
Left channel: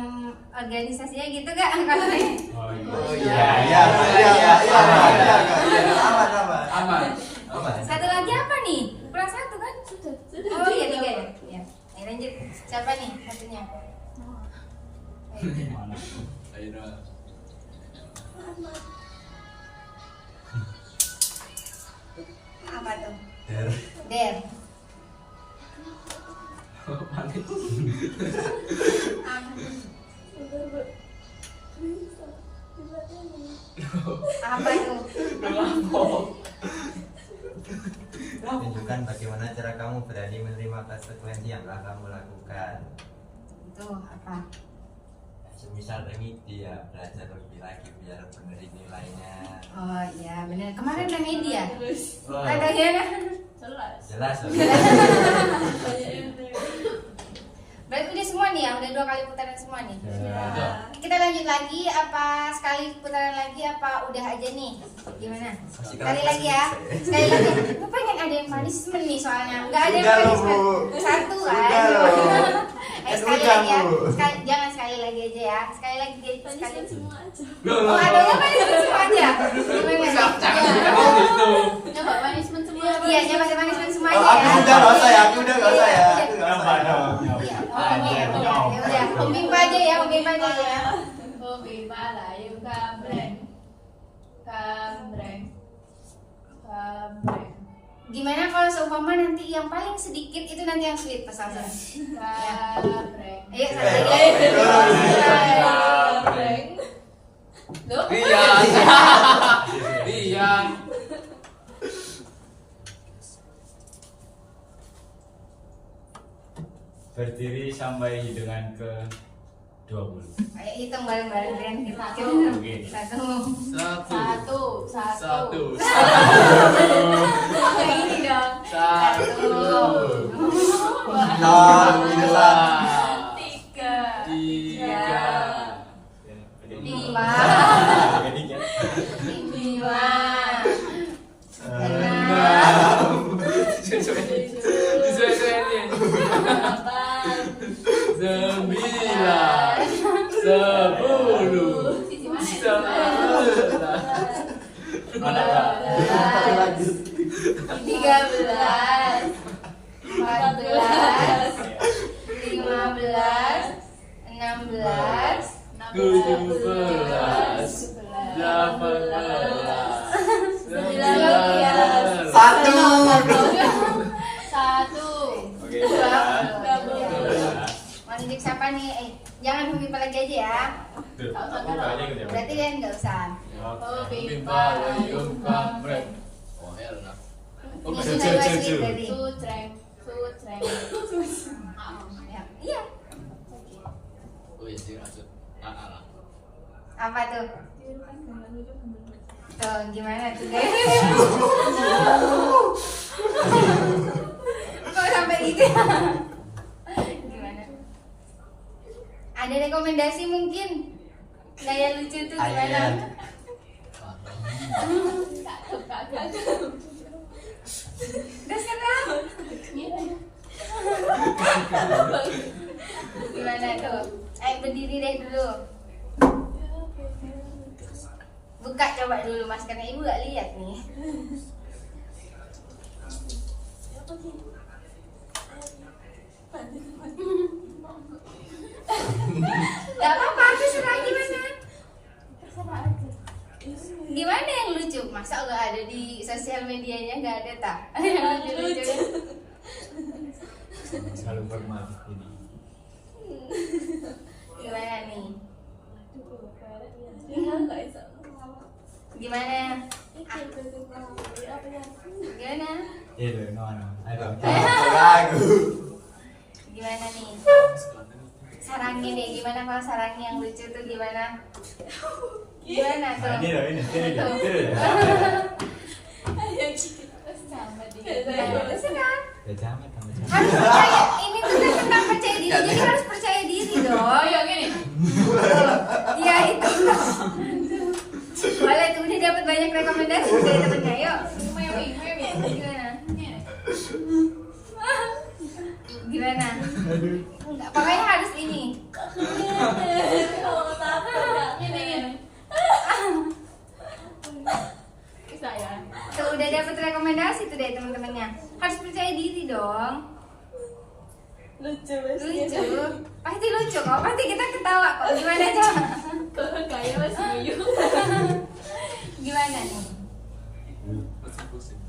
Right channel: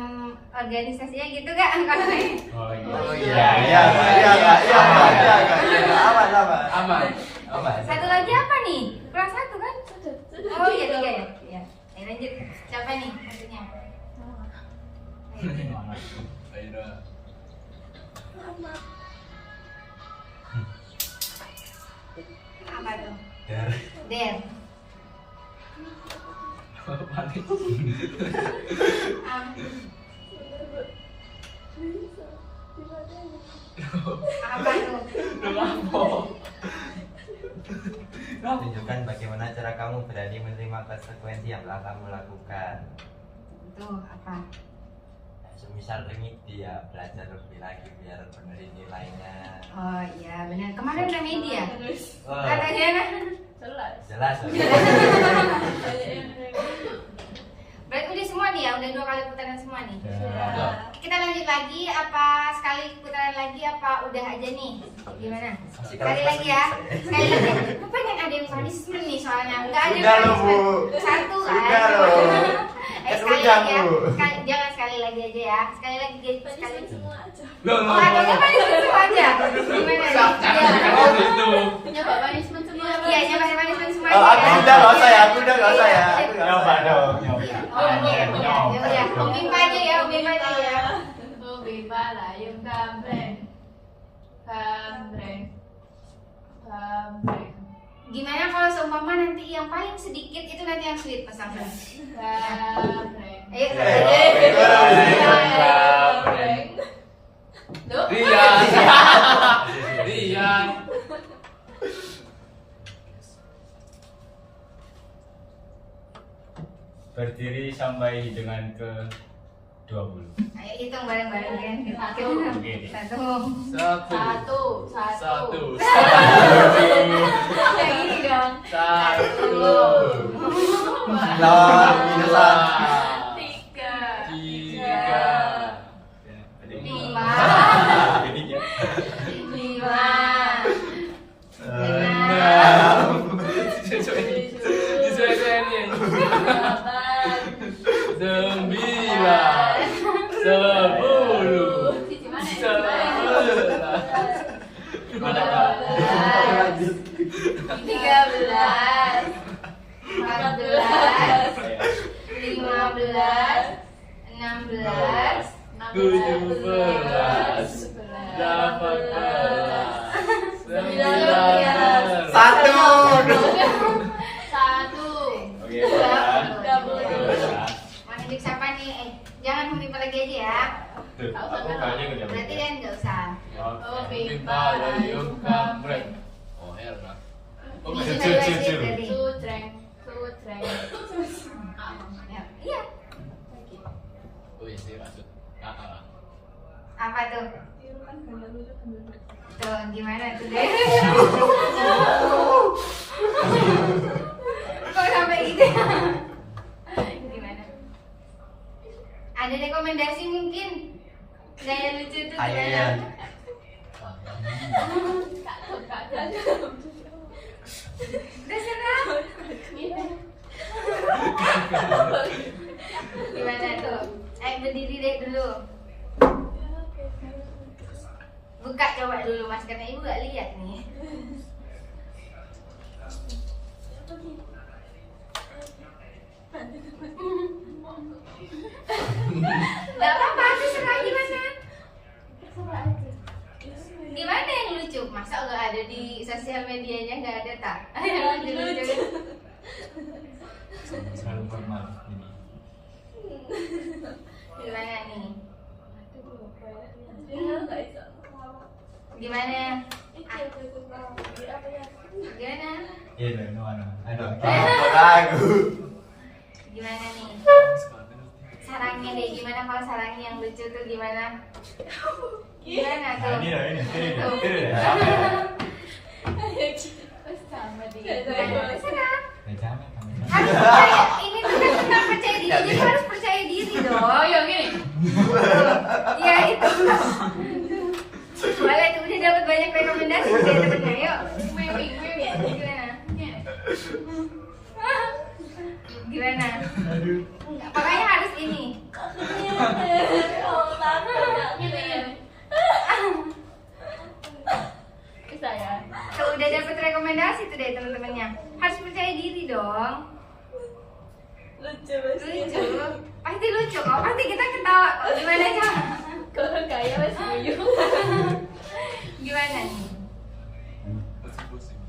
organisasinya gitu gak? Kalau Oh Iya, iya, iya, aman. Aman. Aman. satu lagi apa nih? Kelas 1 kan? Oh iya 3 ya. Iya. Ayo lanjut. Siapa nih satunya? Ayo. Mana? Ayo. Apa tuh? Der. Der. Panik. Apa tuh? Tunjukkan bagaimana cara kamu berani menerima konsekuensi yang telah kamu lakukan. Tuh apa? Semisal remedi ya, belajar lebih lagi biar benerin nilainya. Oh iya benar. Kemarin ada media. Terus Oh, Kata Diana. jelas. jelas. Berarti udah semua nih ya, udah 2 kali putaran semua nih. Udah. Kita lanjut lagi apa sekali putaran lagi apa udah aja nih? Gimana? Sekali lagi ya. Sekali lagi. Aku pengen ada yang punishment nih soalnya. Enggak ada yang Sudah loh, punishment. Bu. Satu kan. Sudah loh. Sekali Udah, lagi ya. Bu. Jangan sekali lagi aja ya. Sekali lagi sekali. Punishment semua aja. Oh, ada yang punishment semua aja. Gimana nih? Jangan gitu. Nyoba punishment semua. Iya, coba punishment semua Oh, aja aku ya. udah nggak usah ya, aku udah nggak usah ya. Iya, Aku nggak Nyoba usah. dong, nyoba. Iya. Oh, iya, ya udah. Om Bimpa aja ya, Om Bimpa aja ya. Oh, Bimpa lah, yung kambreng. Kambreng. Kambreng. Gimana kalau seumpama nanti yang paling sedikit itu nanti yang sweet pas langsung. Kambreng. Ayo satu lagi. Kambreng. Loh? Iya. yang ke-20. Ayo hitung bareng-bareng kan. Oke. 1. Satu. Yang ini dong. 1. 2. 3. Oke. Mau nunjuk siapa nih? Jangan Humipa lagi aja ya. Tuh, aku kayaknya ikut yang Berarti kan nggak usah. Oke. Pipa Yayum Kamrek. Oh Helna. Oh Ini masih sudah cu, wajib cu. tadi. Ya, iya. Oh iya sih maksud lah. Apa tuh? Tuh gimana tuh guys? Kok sampai gitu? Gimana? Ada rekomendasi mungkin? Gaya lucu tuh gimana? Terserah. Gimana tuh? Ayo berdiri deh dulu. Buka coba dulu mas, karena ibu gak lihat nih. Gak apa-apa, terserah gimana. Gimana yang lucu? Masa gak ada di sosial medianya, gak ada tak? Yang lucu. Selalu formal ini. Gimana nih? Gimana? Gimana? Iya, no. Aduh. Lagu. Gimana nih? Sarangnya deh, gimana kalau sarangnya yang lucu tuh gimana? Gimana tuh? Nah, ini. Terserah. Ya jangan. Harus percaya, ini tuh kan tentang percaya diri, jadi harus percaya diri dong. Ayo gini. Iya itu. Boleh tuh, udah dapat banyak rekomendasi dari temennya, yuk. Gimana? Gimana? Enggak, pokoknya harus ini. Saya. Tuh udah dapat rekomendasi tuh dari teman-temannya. Harus percaya diri dong. Lucu Lucu, pasti lucu kok. Pasti kita ketawa kok. Gimana coba? Kalau kayak mas guyu. Gimana nih? Pusing-pusing.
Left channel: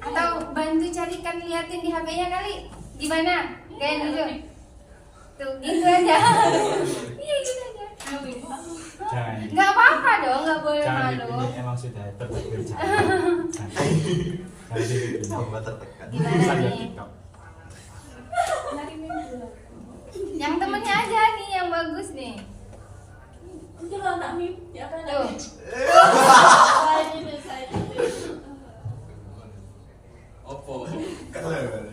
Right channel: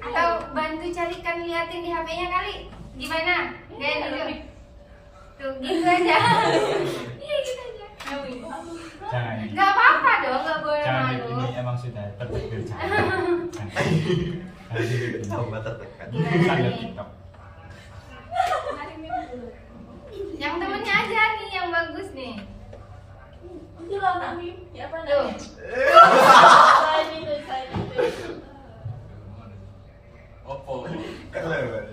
Atau bantu carikan liatin di HP-nya kali. Gimana? Gaya lucu. Tuh gitu aja. Iya gitu aja. Jangan. Nggak apa-apa dong, nggak boleh Jangan malu. ini emang sudah tertakdir. Jangan gitu. Tambah tertekan. Gimana Sambil nih? TikTok. Yang temennya aja nih yang bagus nih. Itu lah nak mim. Ya apa Tuh. namanya? Selain itu. Oppo. Keren.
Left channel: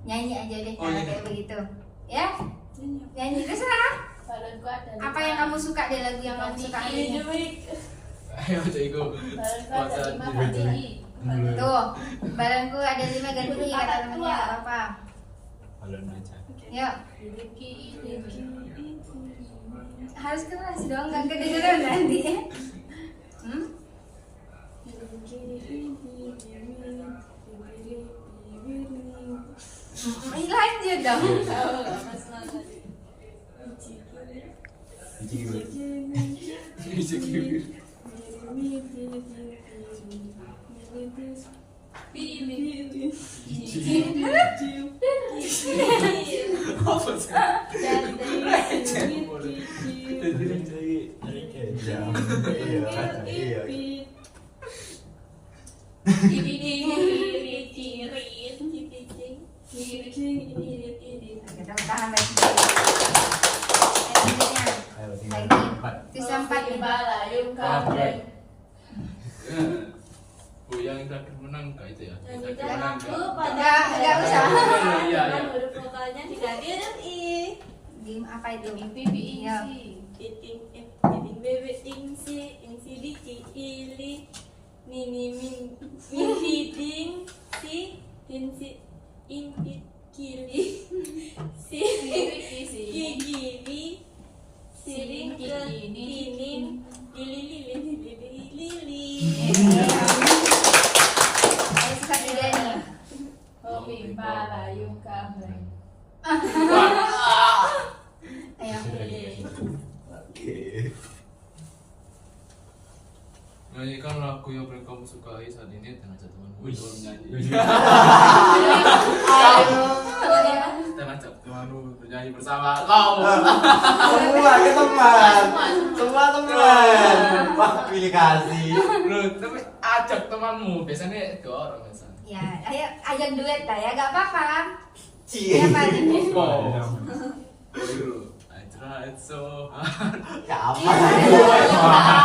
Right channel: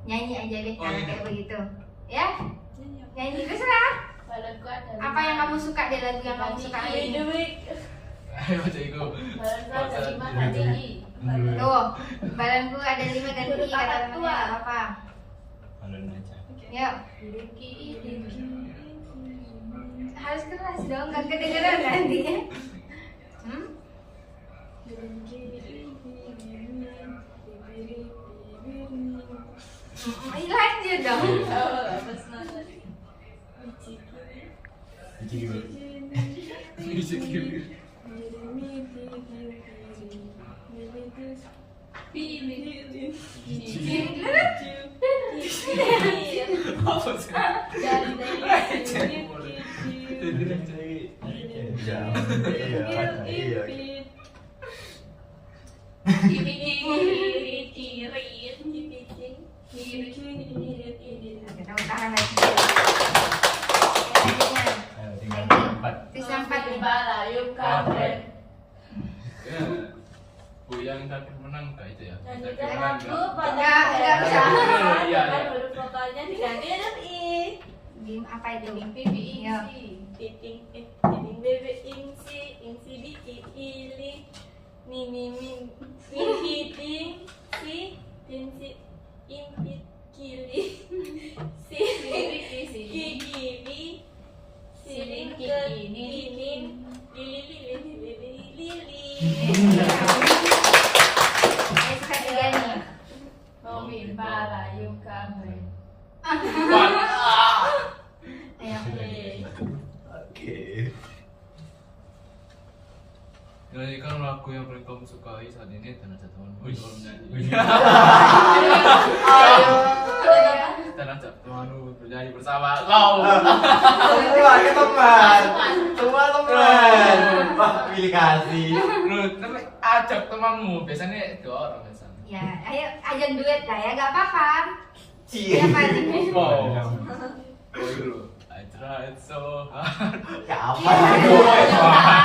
Nyanyi aja deh Oh, kalau iya. kayak begitu. Ya? Nyanyi terserah. Badanku ada. Apa yang kamu suka deh, lagu yang kamu suka hari ini? Ayo baca itu. Badanku ada 5 ganti. Tuh, badanku ada 5 ganti kata temennya, nggak apa. Kalau aja. Yuk, harus keras dong, nggak kedengeran nanti. Hmm? Lanjut dong. Biji dulu. Apa sih? Iya. Kita tahan lagi. Selanjutnya Ayo tinggal lagi. 4. Terus yang 4 nih. Balayum kabeh. Ya. Bu yang terakhir menang kak itu ya? Nyanyikan Menang, lagu Kak. pada Enggak usah. Iya, dengan iya. huruf vokalnya diganti huruf I. Game apa itu? Pipi Iya. Titing bebe ingsi biki ili nini min hiting si tinsi impit kili si gigi siring ke tining lili Ayo sekali tiga nih. Momi balayum kabeh. Ayo. Oke. Nyanyikan lagu yang paling kamu sukai saat ini dan ajak temanmu untuk menyanyi. Dan ajak temanmu bernyanyi bersama kau. Semua ini teman. Semua teman. Wah, pilih kasih. Lu tapi ajak temanmu biasanya 2 orang biasanya. Ya, ayo ajak duet lah ya, gak apa-apa. Cie. Siapa nih? Oh dulu. I tried so hard. Gak apa.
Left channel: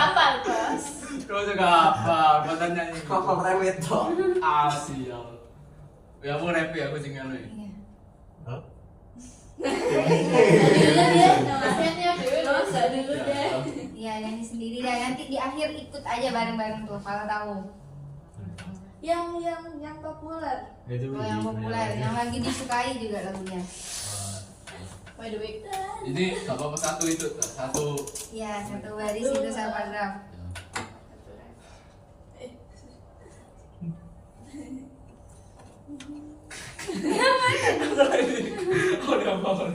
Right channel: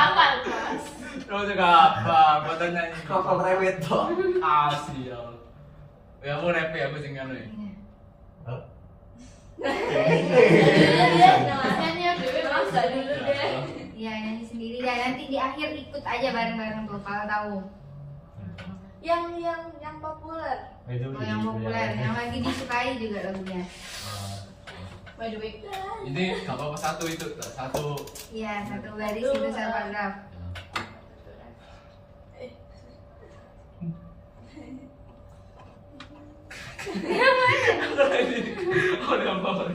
Apa, Bos? Lu juga apa? Buat nyanyi. Kok rewet toh? Sial. Ya mau rap ya aku singkat lu. Namanya dulu dosa dulu deh. Ya nyanyi sendiri ya, nanti di akhir ikut aja bareng-bareng tuh kalau tahu. yang populer. Itu Kalau yang populer, yang lagi disukai juga lagunya. By the way, Ini gak apa-apa satu itu, satu. Iya, satu baris itu satu paragraf. Oh, dia apa?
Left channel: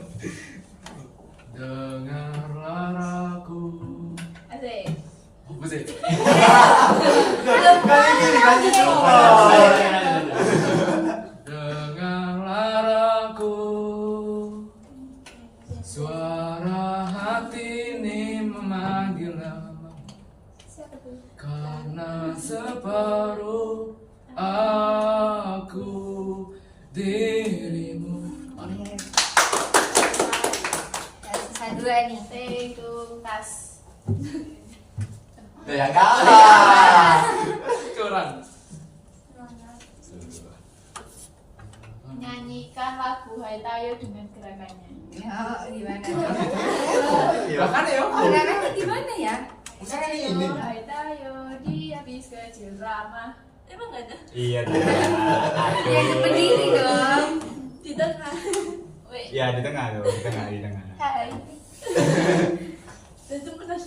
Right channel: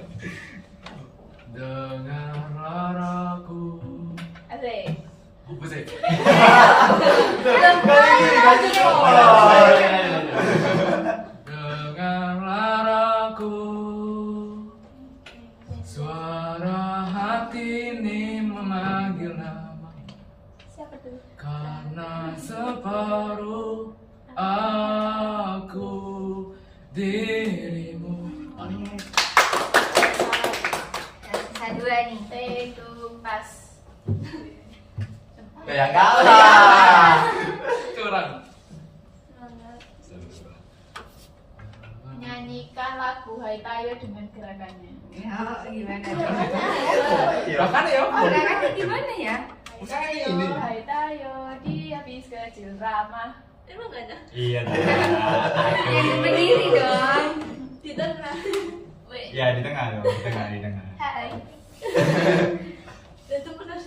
Dengarlah aku. asik. Apa sih? Dengarlah aku. Suara hati ini memanggil nama. Siapa tuh? Karena separuh aku dirimu. Ya, sisa dua nih. Take two, pas. Ya kalah. Curang. Nyanyikan lagu Hai Tayo dengan gerakannya. Ya, gimana? Bahkan ya, Oh, gerakannya gimana ya? Hai Tayo, Hai Tayo, dia habis kecil ramah. Emang gak ada? Iya. Yang berdiri dong. Di tengah. Wait. Iya di tengah loh, di tengah. Hai. Itu benar.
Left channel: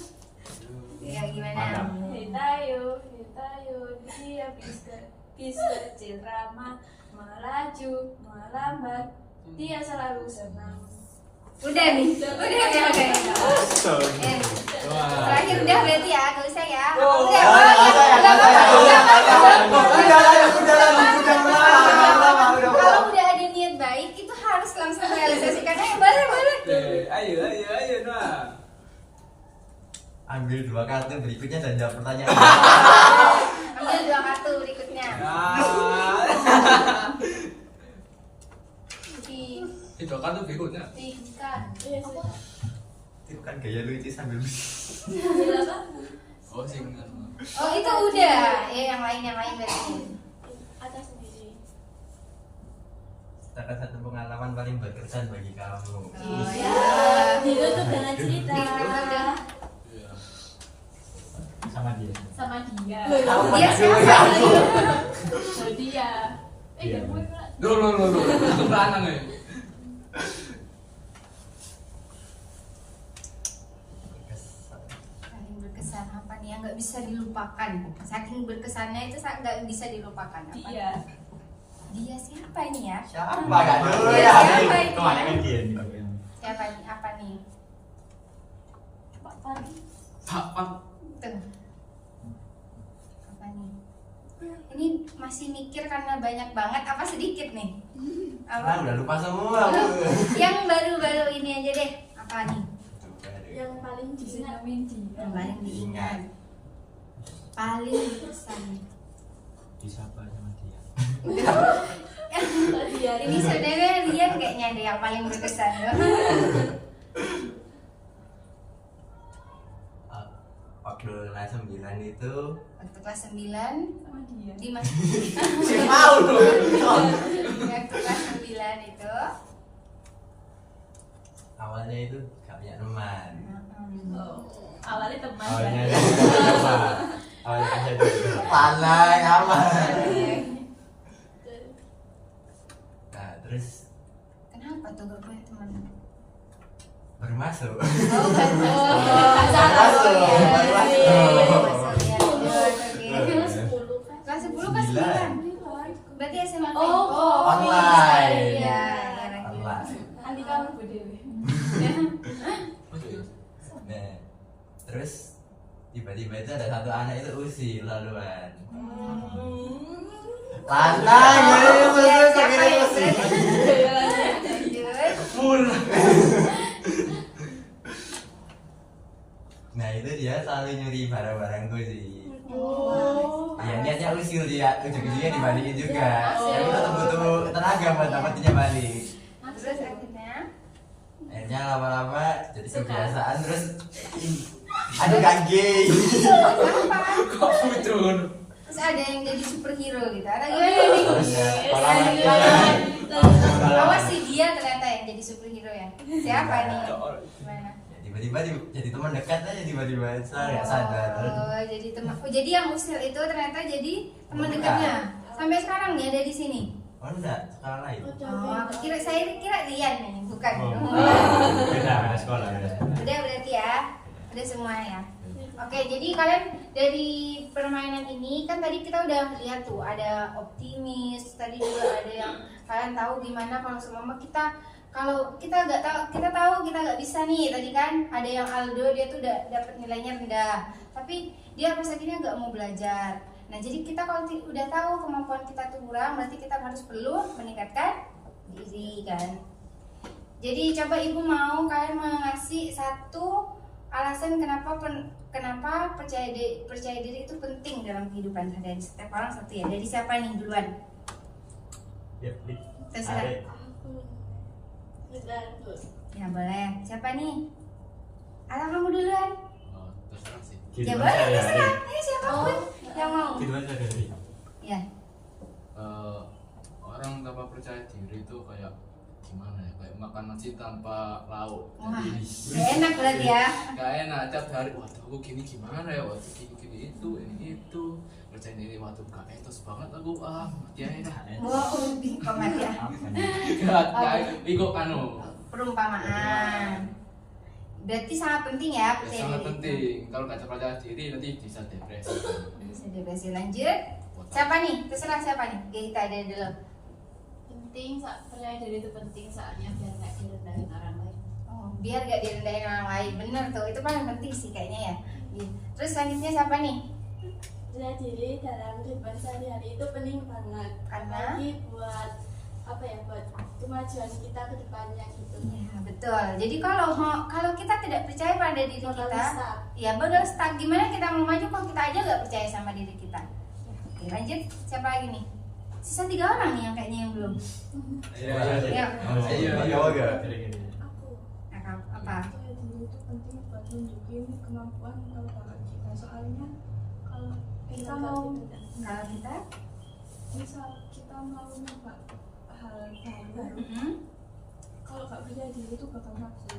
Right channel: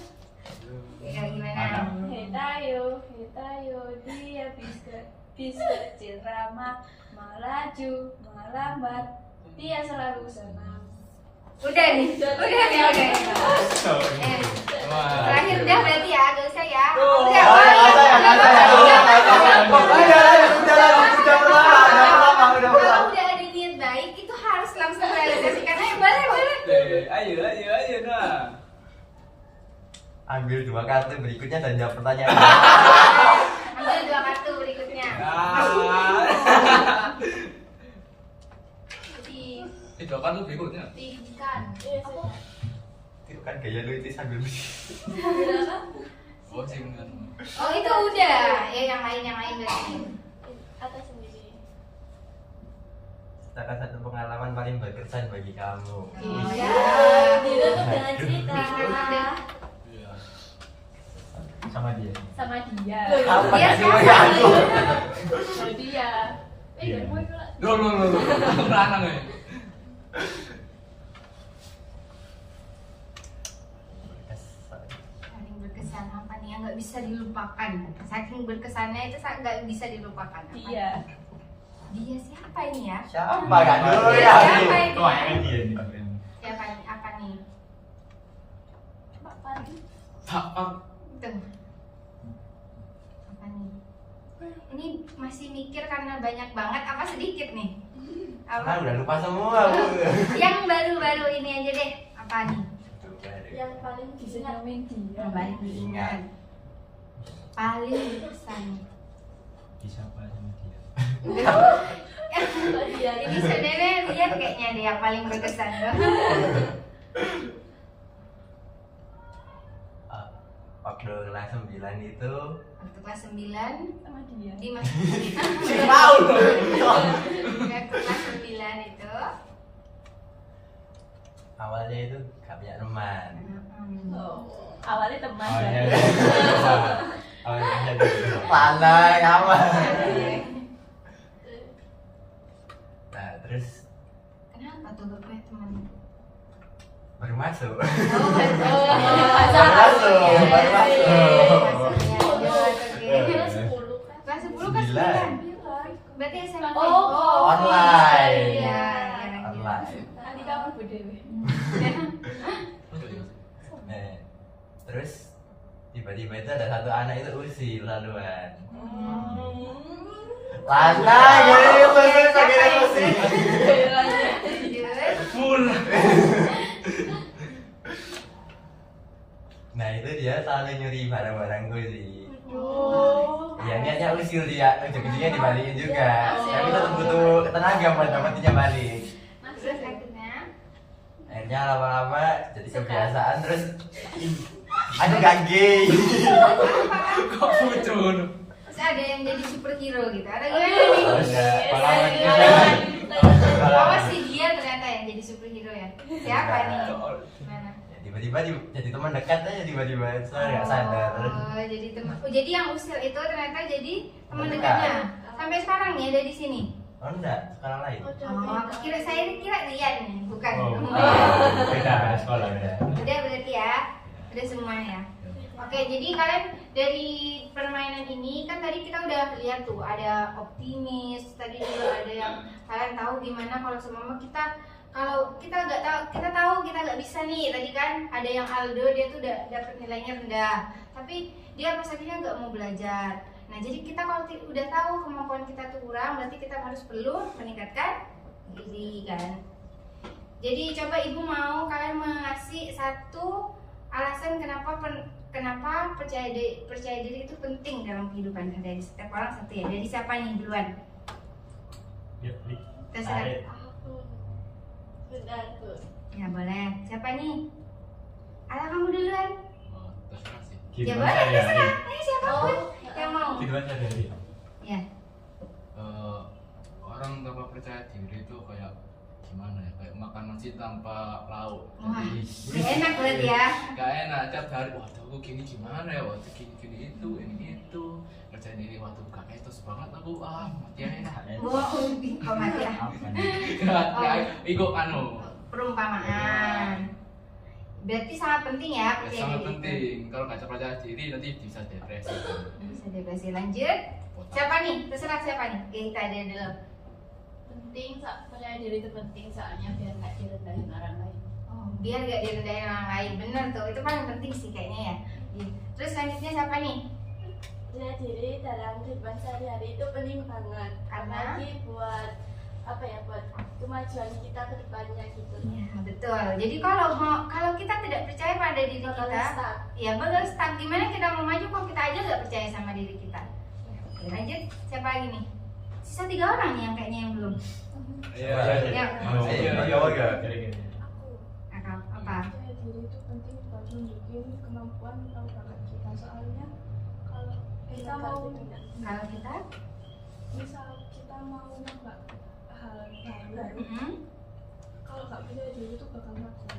Ya gimana? Hai Tayo, dia habis kecil ramah, melaju, melambat, dia selalu senang. Udah nih, udah. Terakhir udah berarti ya, gak usah ya. Udah, kalau udah ada niat baik itu harus langsung realisasikan aja bareng. Ayo nah. Ambil 2 kartu berikutnya dan jawab pertanyaan. Ambil 2 kartu berikutnya. Itu kan tuh berikutnya. Tingkan. Iya sih. Itu kan gaya lu itu sambil Berapa? Oh singkat. Oh itu udah, yang lain berarti. Atas sendiri. Ceritakan satu pengalaman paling berkesan bagi kamu. Iya. Ditutup dengan cerita. Iya. Sama dia. Sama dia. Kamu Dia pada siapa? dulu ya. Oh dia. Iya. Dan gue pula. Loh. Aku beranang ya. Paling berkesan apa nih yang nggak bisa dilupakan? Saking berkesannya itu nggak bisa dilupakan. Apa? Dia. Dia siapa ini ya? Siapa kan dulu Dia ya? siapa ini? Kebanyakan dia nih. Siapa ini? Apa nih? Pak Padi. Tapak. Tuh. Apa nih? Ini masih mikir karena banyak banget apa sedikit nih? Ah, Apa? udah lupa semua aku. Yang baru-baru ini aja deh. Apa nih? Yang paling diingat. Dinamin dia. Yang paling diingat. Paling berkesan. Disapa sama dia. Mbak Dian. Ini sebenarnya kalian kayaknya deh yang paling berkesan loh. Waktu kelas 9 itu Waktu kelas 9 sama dia. di mas mau waktu kelas 9 itu awalnya itu gak punya teman. Oh, awalnya teman Awalnya kan? coba. Awalnya jadi Pandai apa? Nah terus kenapa tuh gak punya teman? baru masuk. Oh, baru masuk. Masuk. Kelas 10 kan? Kelas 10 kelas 9. Berarti SMA. Oh, online. Iya, Online. Nanti kamu berdiri. Nah, terus tiba-tiba itu ada satu anak itu usil laluan. Pandai ya, usil segera usil. full. Nah itu dia selalu nyuri barang-barangku sih. Oh. Ya niatnya usil dia, ujung-ujungnya dibalikin juga. Tapi tetap butuh tenaga buat dapetinnya balik. Terus akhirnya Akhirnya lama-lama jadi kebiasaan terus aduh gangge. Kok muncul? terus ada yang jadi superhero gitu. Ada Oh, gimana nih? Oh, enggak. Awas sih dia ternyata yang jadi superhero ya. Siapa nih? Gimana? Ya, tiba-tiba jadi teman dekat aja tiba-tiba saya nggak sadar. Oh, jadi teman. Oh, jadi yang usil itu ternyata jadi teman Teman dekatnya. Sampai sekarang nih ada di sini. Oh enggak, sekarang lain. Oh, aku kira saya kira Rian nih, bukan. Beda sekolah. Udah berarti ya. Udah semua ya. Oke, jadi kalian dari permainan ini kan tadi kita udah lihat tuh ada optimis, tadi juga ada yang kalian tahu gimana kalau semama kita kalau kita nggak tahu kita nggak bisa nih tadi kan ada yang Aldo dia tuh udah dapat nilainya rendah tapi dia pas akhirnya nggak mau belajar. Nah jadi kita kalau udah tahu kemampuan kita tuh kurang berarti kita harus perlu meningkatkan diri kan. Jadi coba ibu mau kalian mengasih satu alasan kenapa percaya diri itu penting dalam kehidupan dari setiap orang satu ya. Dari siapa nih duluan? Terserah. Aku. Ya boleh. Siapa nih? Atau kamu duluan? Oh, terserah sih. Ya boleh terserah. Ini siapapun yang mau. Kehidupan sehari-hari. Ya. Orang tanpa percaya diri itu kayak gimana ya? Kayak makan nasi tanpa lauk. Wah, Jadi gak enak berarti ya. gak enak tiap hari. Waduh, aku gini gimana ya? Waduh, gini itu, ini itu. Kerjaan ini waduh gak etos banget aku. Ah, mati aja. Oh, kok mati ya? Ikut anu. Perumpamaan. Berarti sangat penting ya Ya, percaya sangat diri. penting. Kalau nggak percaya diri nanti bisa depresi. Bisa depresi. Lanjut. Siapa nih? Terserah siapa nih? Oke, kita ada dulu. Penting, percaya diri itu penting soalnya biar nggak direndahin orang lain. Oh, biar gak direndahin orang lain. Bener tuh, itu paling penting sih kayaknya ya. Iya. Terus selanjutnya siapa nih? Percaya diri dalam kehidupan sehari-hari itu penting banget. Karena? Apalagi buat apa ya, buat kemajuan kita ke depannya gitu. Iya betul. Jadi kalau kita tidak percaya pada diri Bakal kita, stuck. ya bakal stuck. Gimana kita mau maju kalau kita aja nggak percaya sama diri kita? Oke, lanjut. Siapa lagi nih? Sisa 3 orang nih yang kayaknya yang belum. Iya, Ya. Aku. Apa? Percaya diri itu penting buat nunjukin kemampuan atau bakat kita, soalnya kalau kita mau Kalau kita? misal kita mau nyoba hal baru, Mm-mm. kalau nggak percaya diri itu bakal ragu.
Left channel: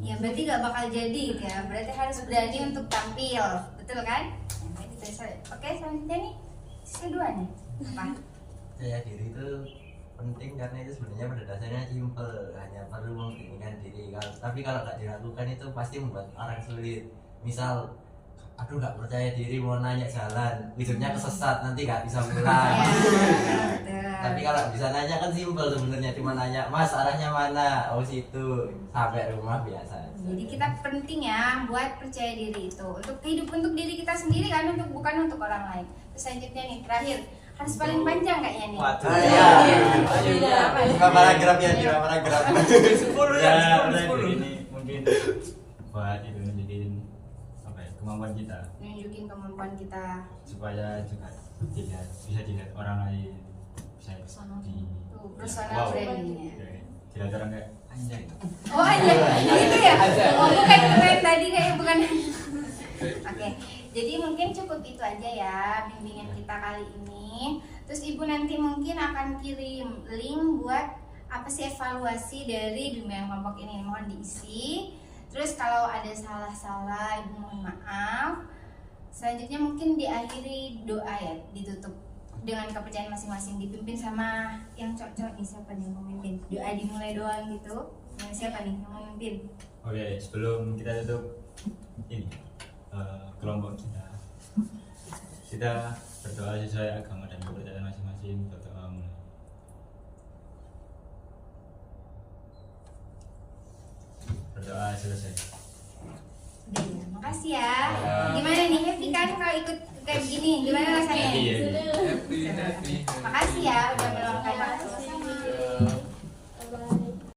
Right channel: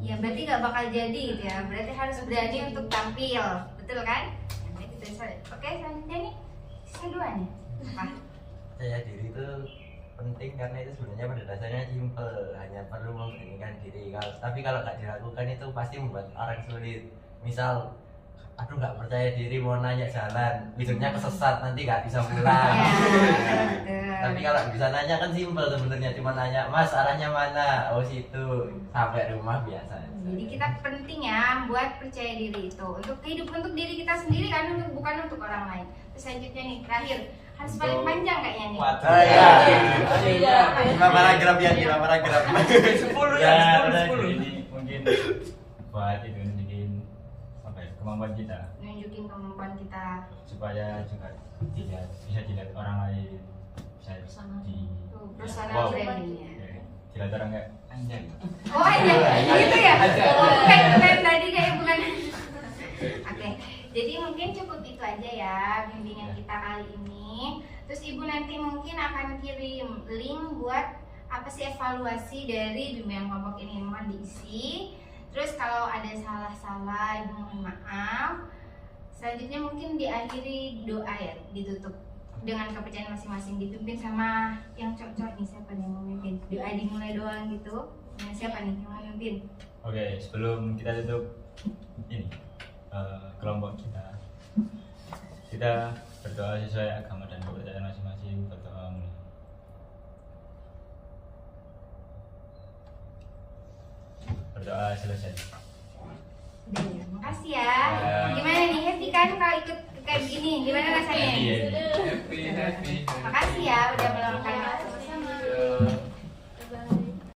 Ya berarti nggak bakal jadi ya. Berarti harus berani untuk tampil, betul kan? Nah, kita oke selanjutnya nih sisa 2 nih. Apa? Percaya diri itu penting karena itu sebenarnya pada dasarnya simple, hanya perlu memberanikan diri. Tapi kalau nggak dilakukan itu pasti membuat orang sulit. Misal, aduh nggak percaya diri mau nanya jalan, ujungnya kesesat nanti nggak bisa pulang. Ya, betul. Tapi kalau bisa nanya kan simple sebenarnya, cuma nanya Mas arahnya mana, oh situ, sampai rumah biasa. Jadi kita penting ya buat percaya diri itu untuk diri kita sendiri kan, bukan untuk orang lain. Terus selanjutnya nih terakhir harus paling panjang kayaknya nih. Iya. Lima paragraf ya, 5 paragraf. 10 ya, 10. Ini mungkin buat itu nunjukin apa ya, kemampuan kita Nunjukin kemampuan kita. supaya juga bisa dilihat orang lain, bisa Personal. di Tuh, personal branding ya. ya. dilihat orang kayak anjay. Oh iya, gitu ya? Oh bukan keren tadi kayak bukan. Oke, jadi mungkin cukup itu aja ya bimbingan kita kali ini. Terus ibu nanti mungkin akan kirim link buat apa sih evaluasi dari bimbingan kelompok ini, mohon diisi. Terus kalau ada salah-salah ibu mohon maaf. Selanjutnya mungkin diakhiri doa ya, ditutup dengan kepercayaan masing-masing, dipimpin sama yang cocok nih, siapa nih yang mau memimpin? Doa dimulai doang gitu. Nah, siapa nih yang mau memimpin? Oke, sebelum kita tutup ini kelompok kita berdoa sesuai agama dan kepercayaan masing-masing. Berdoa mulai. Berdoa selesai. Udah ya, makasih ya. Gimana nih, happy kan kalau ikut kayak begini? Gimana rasanya? Happy. Makasih ya udah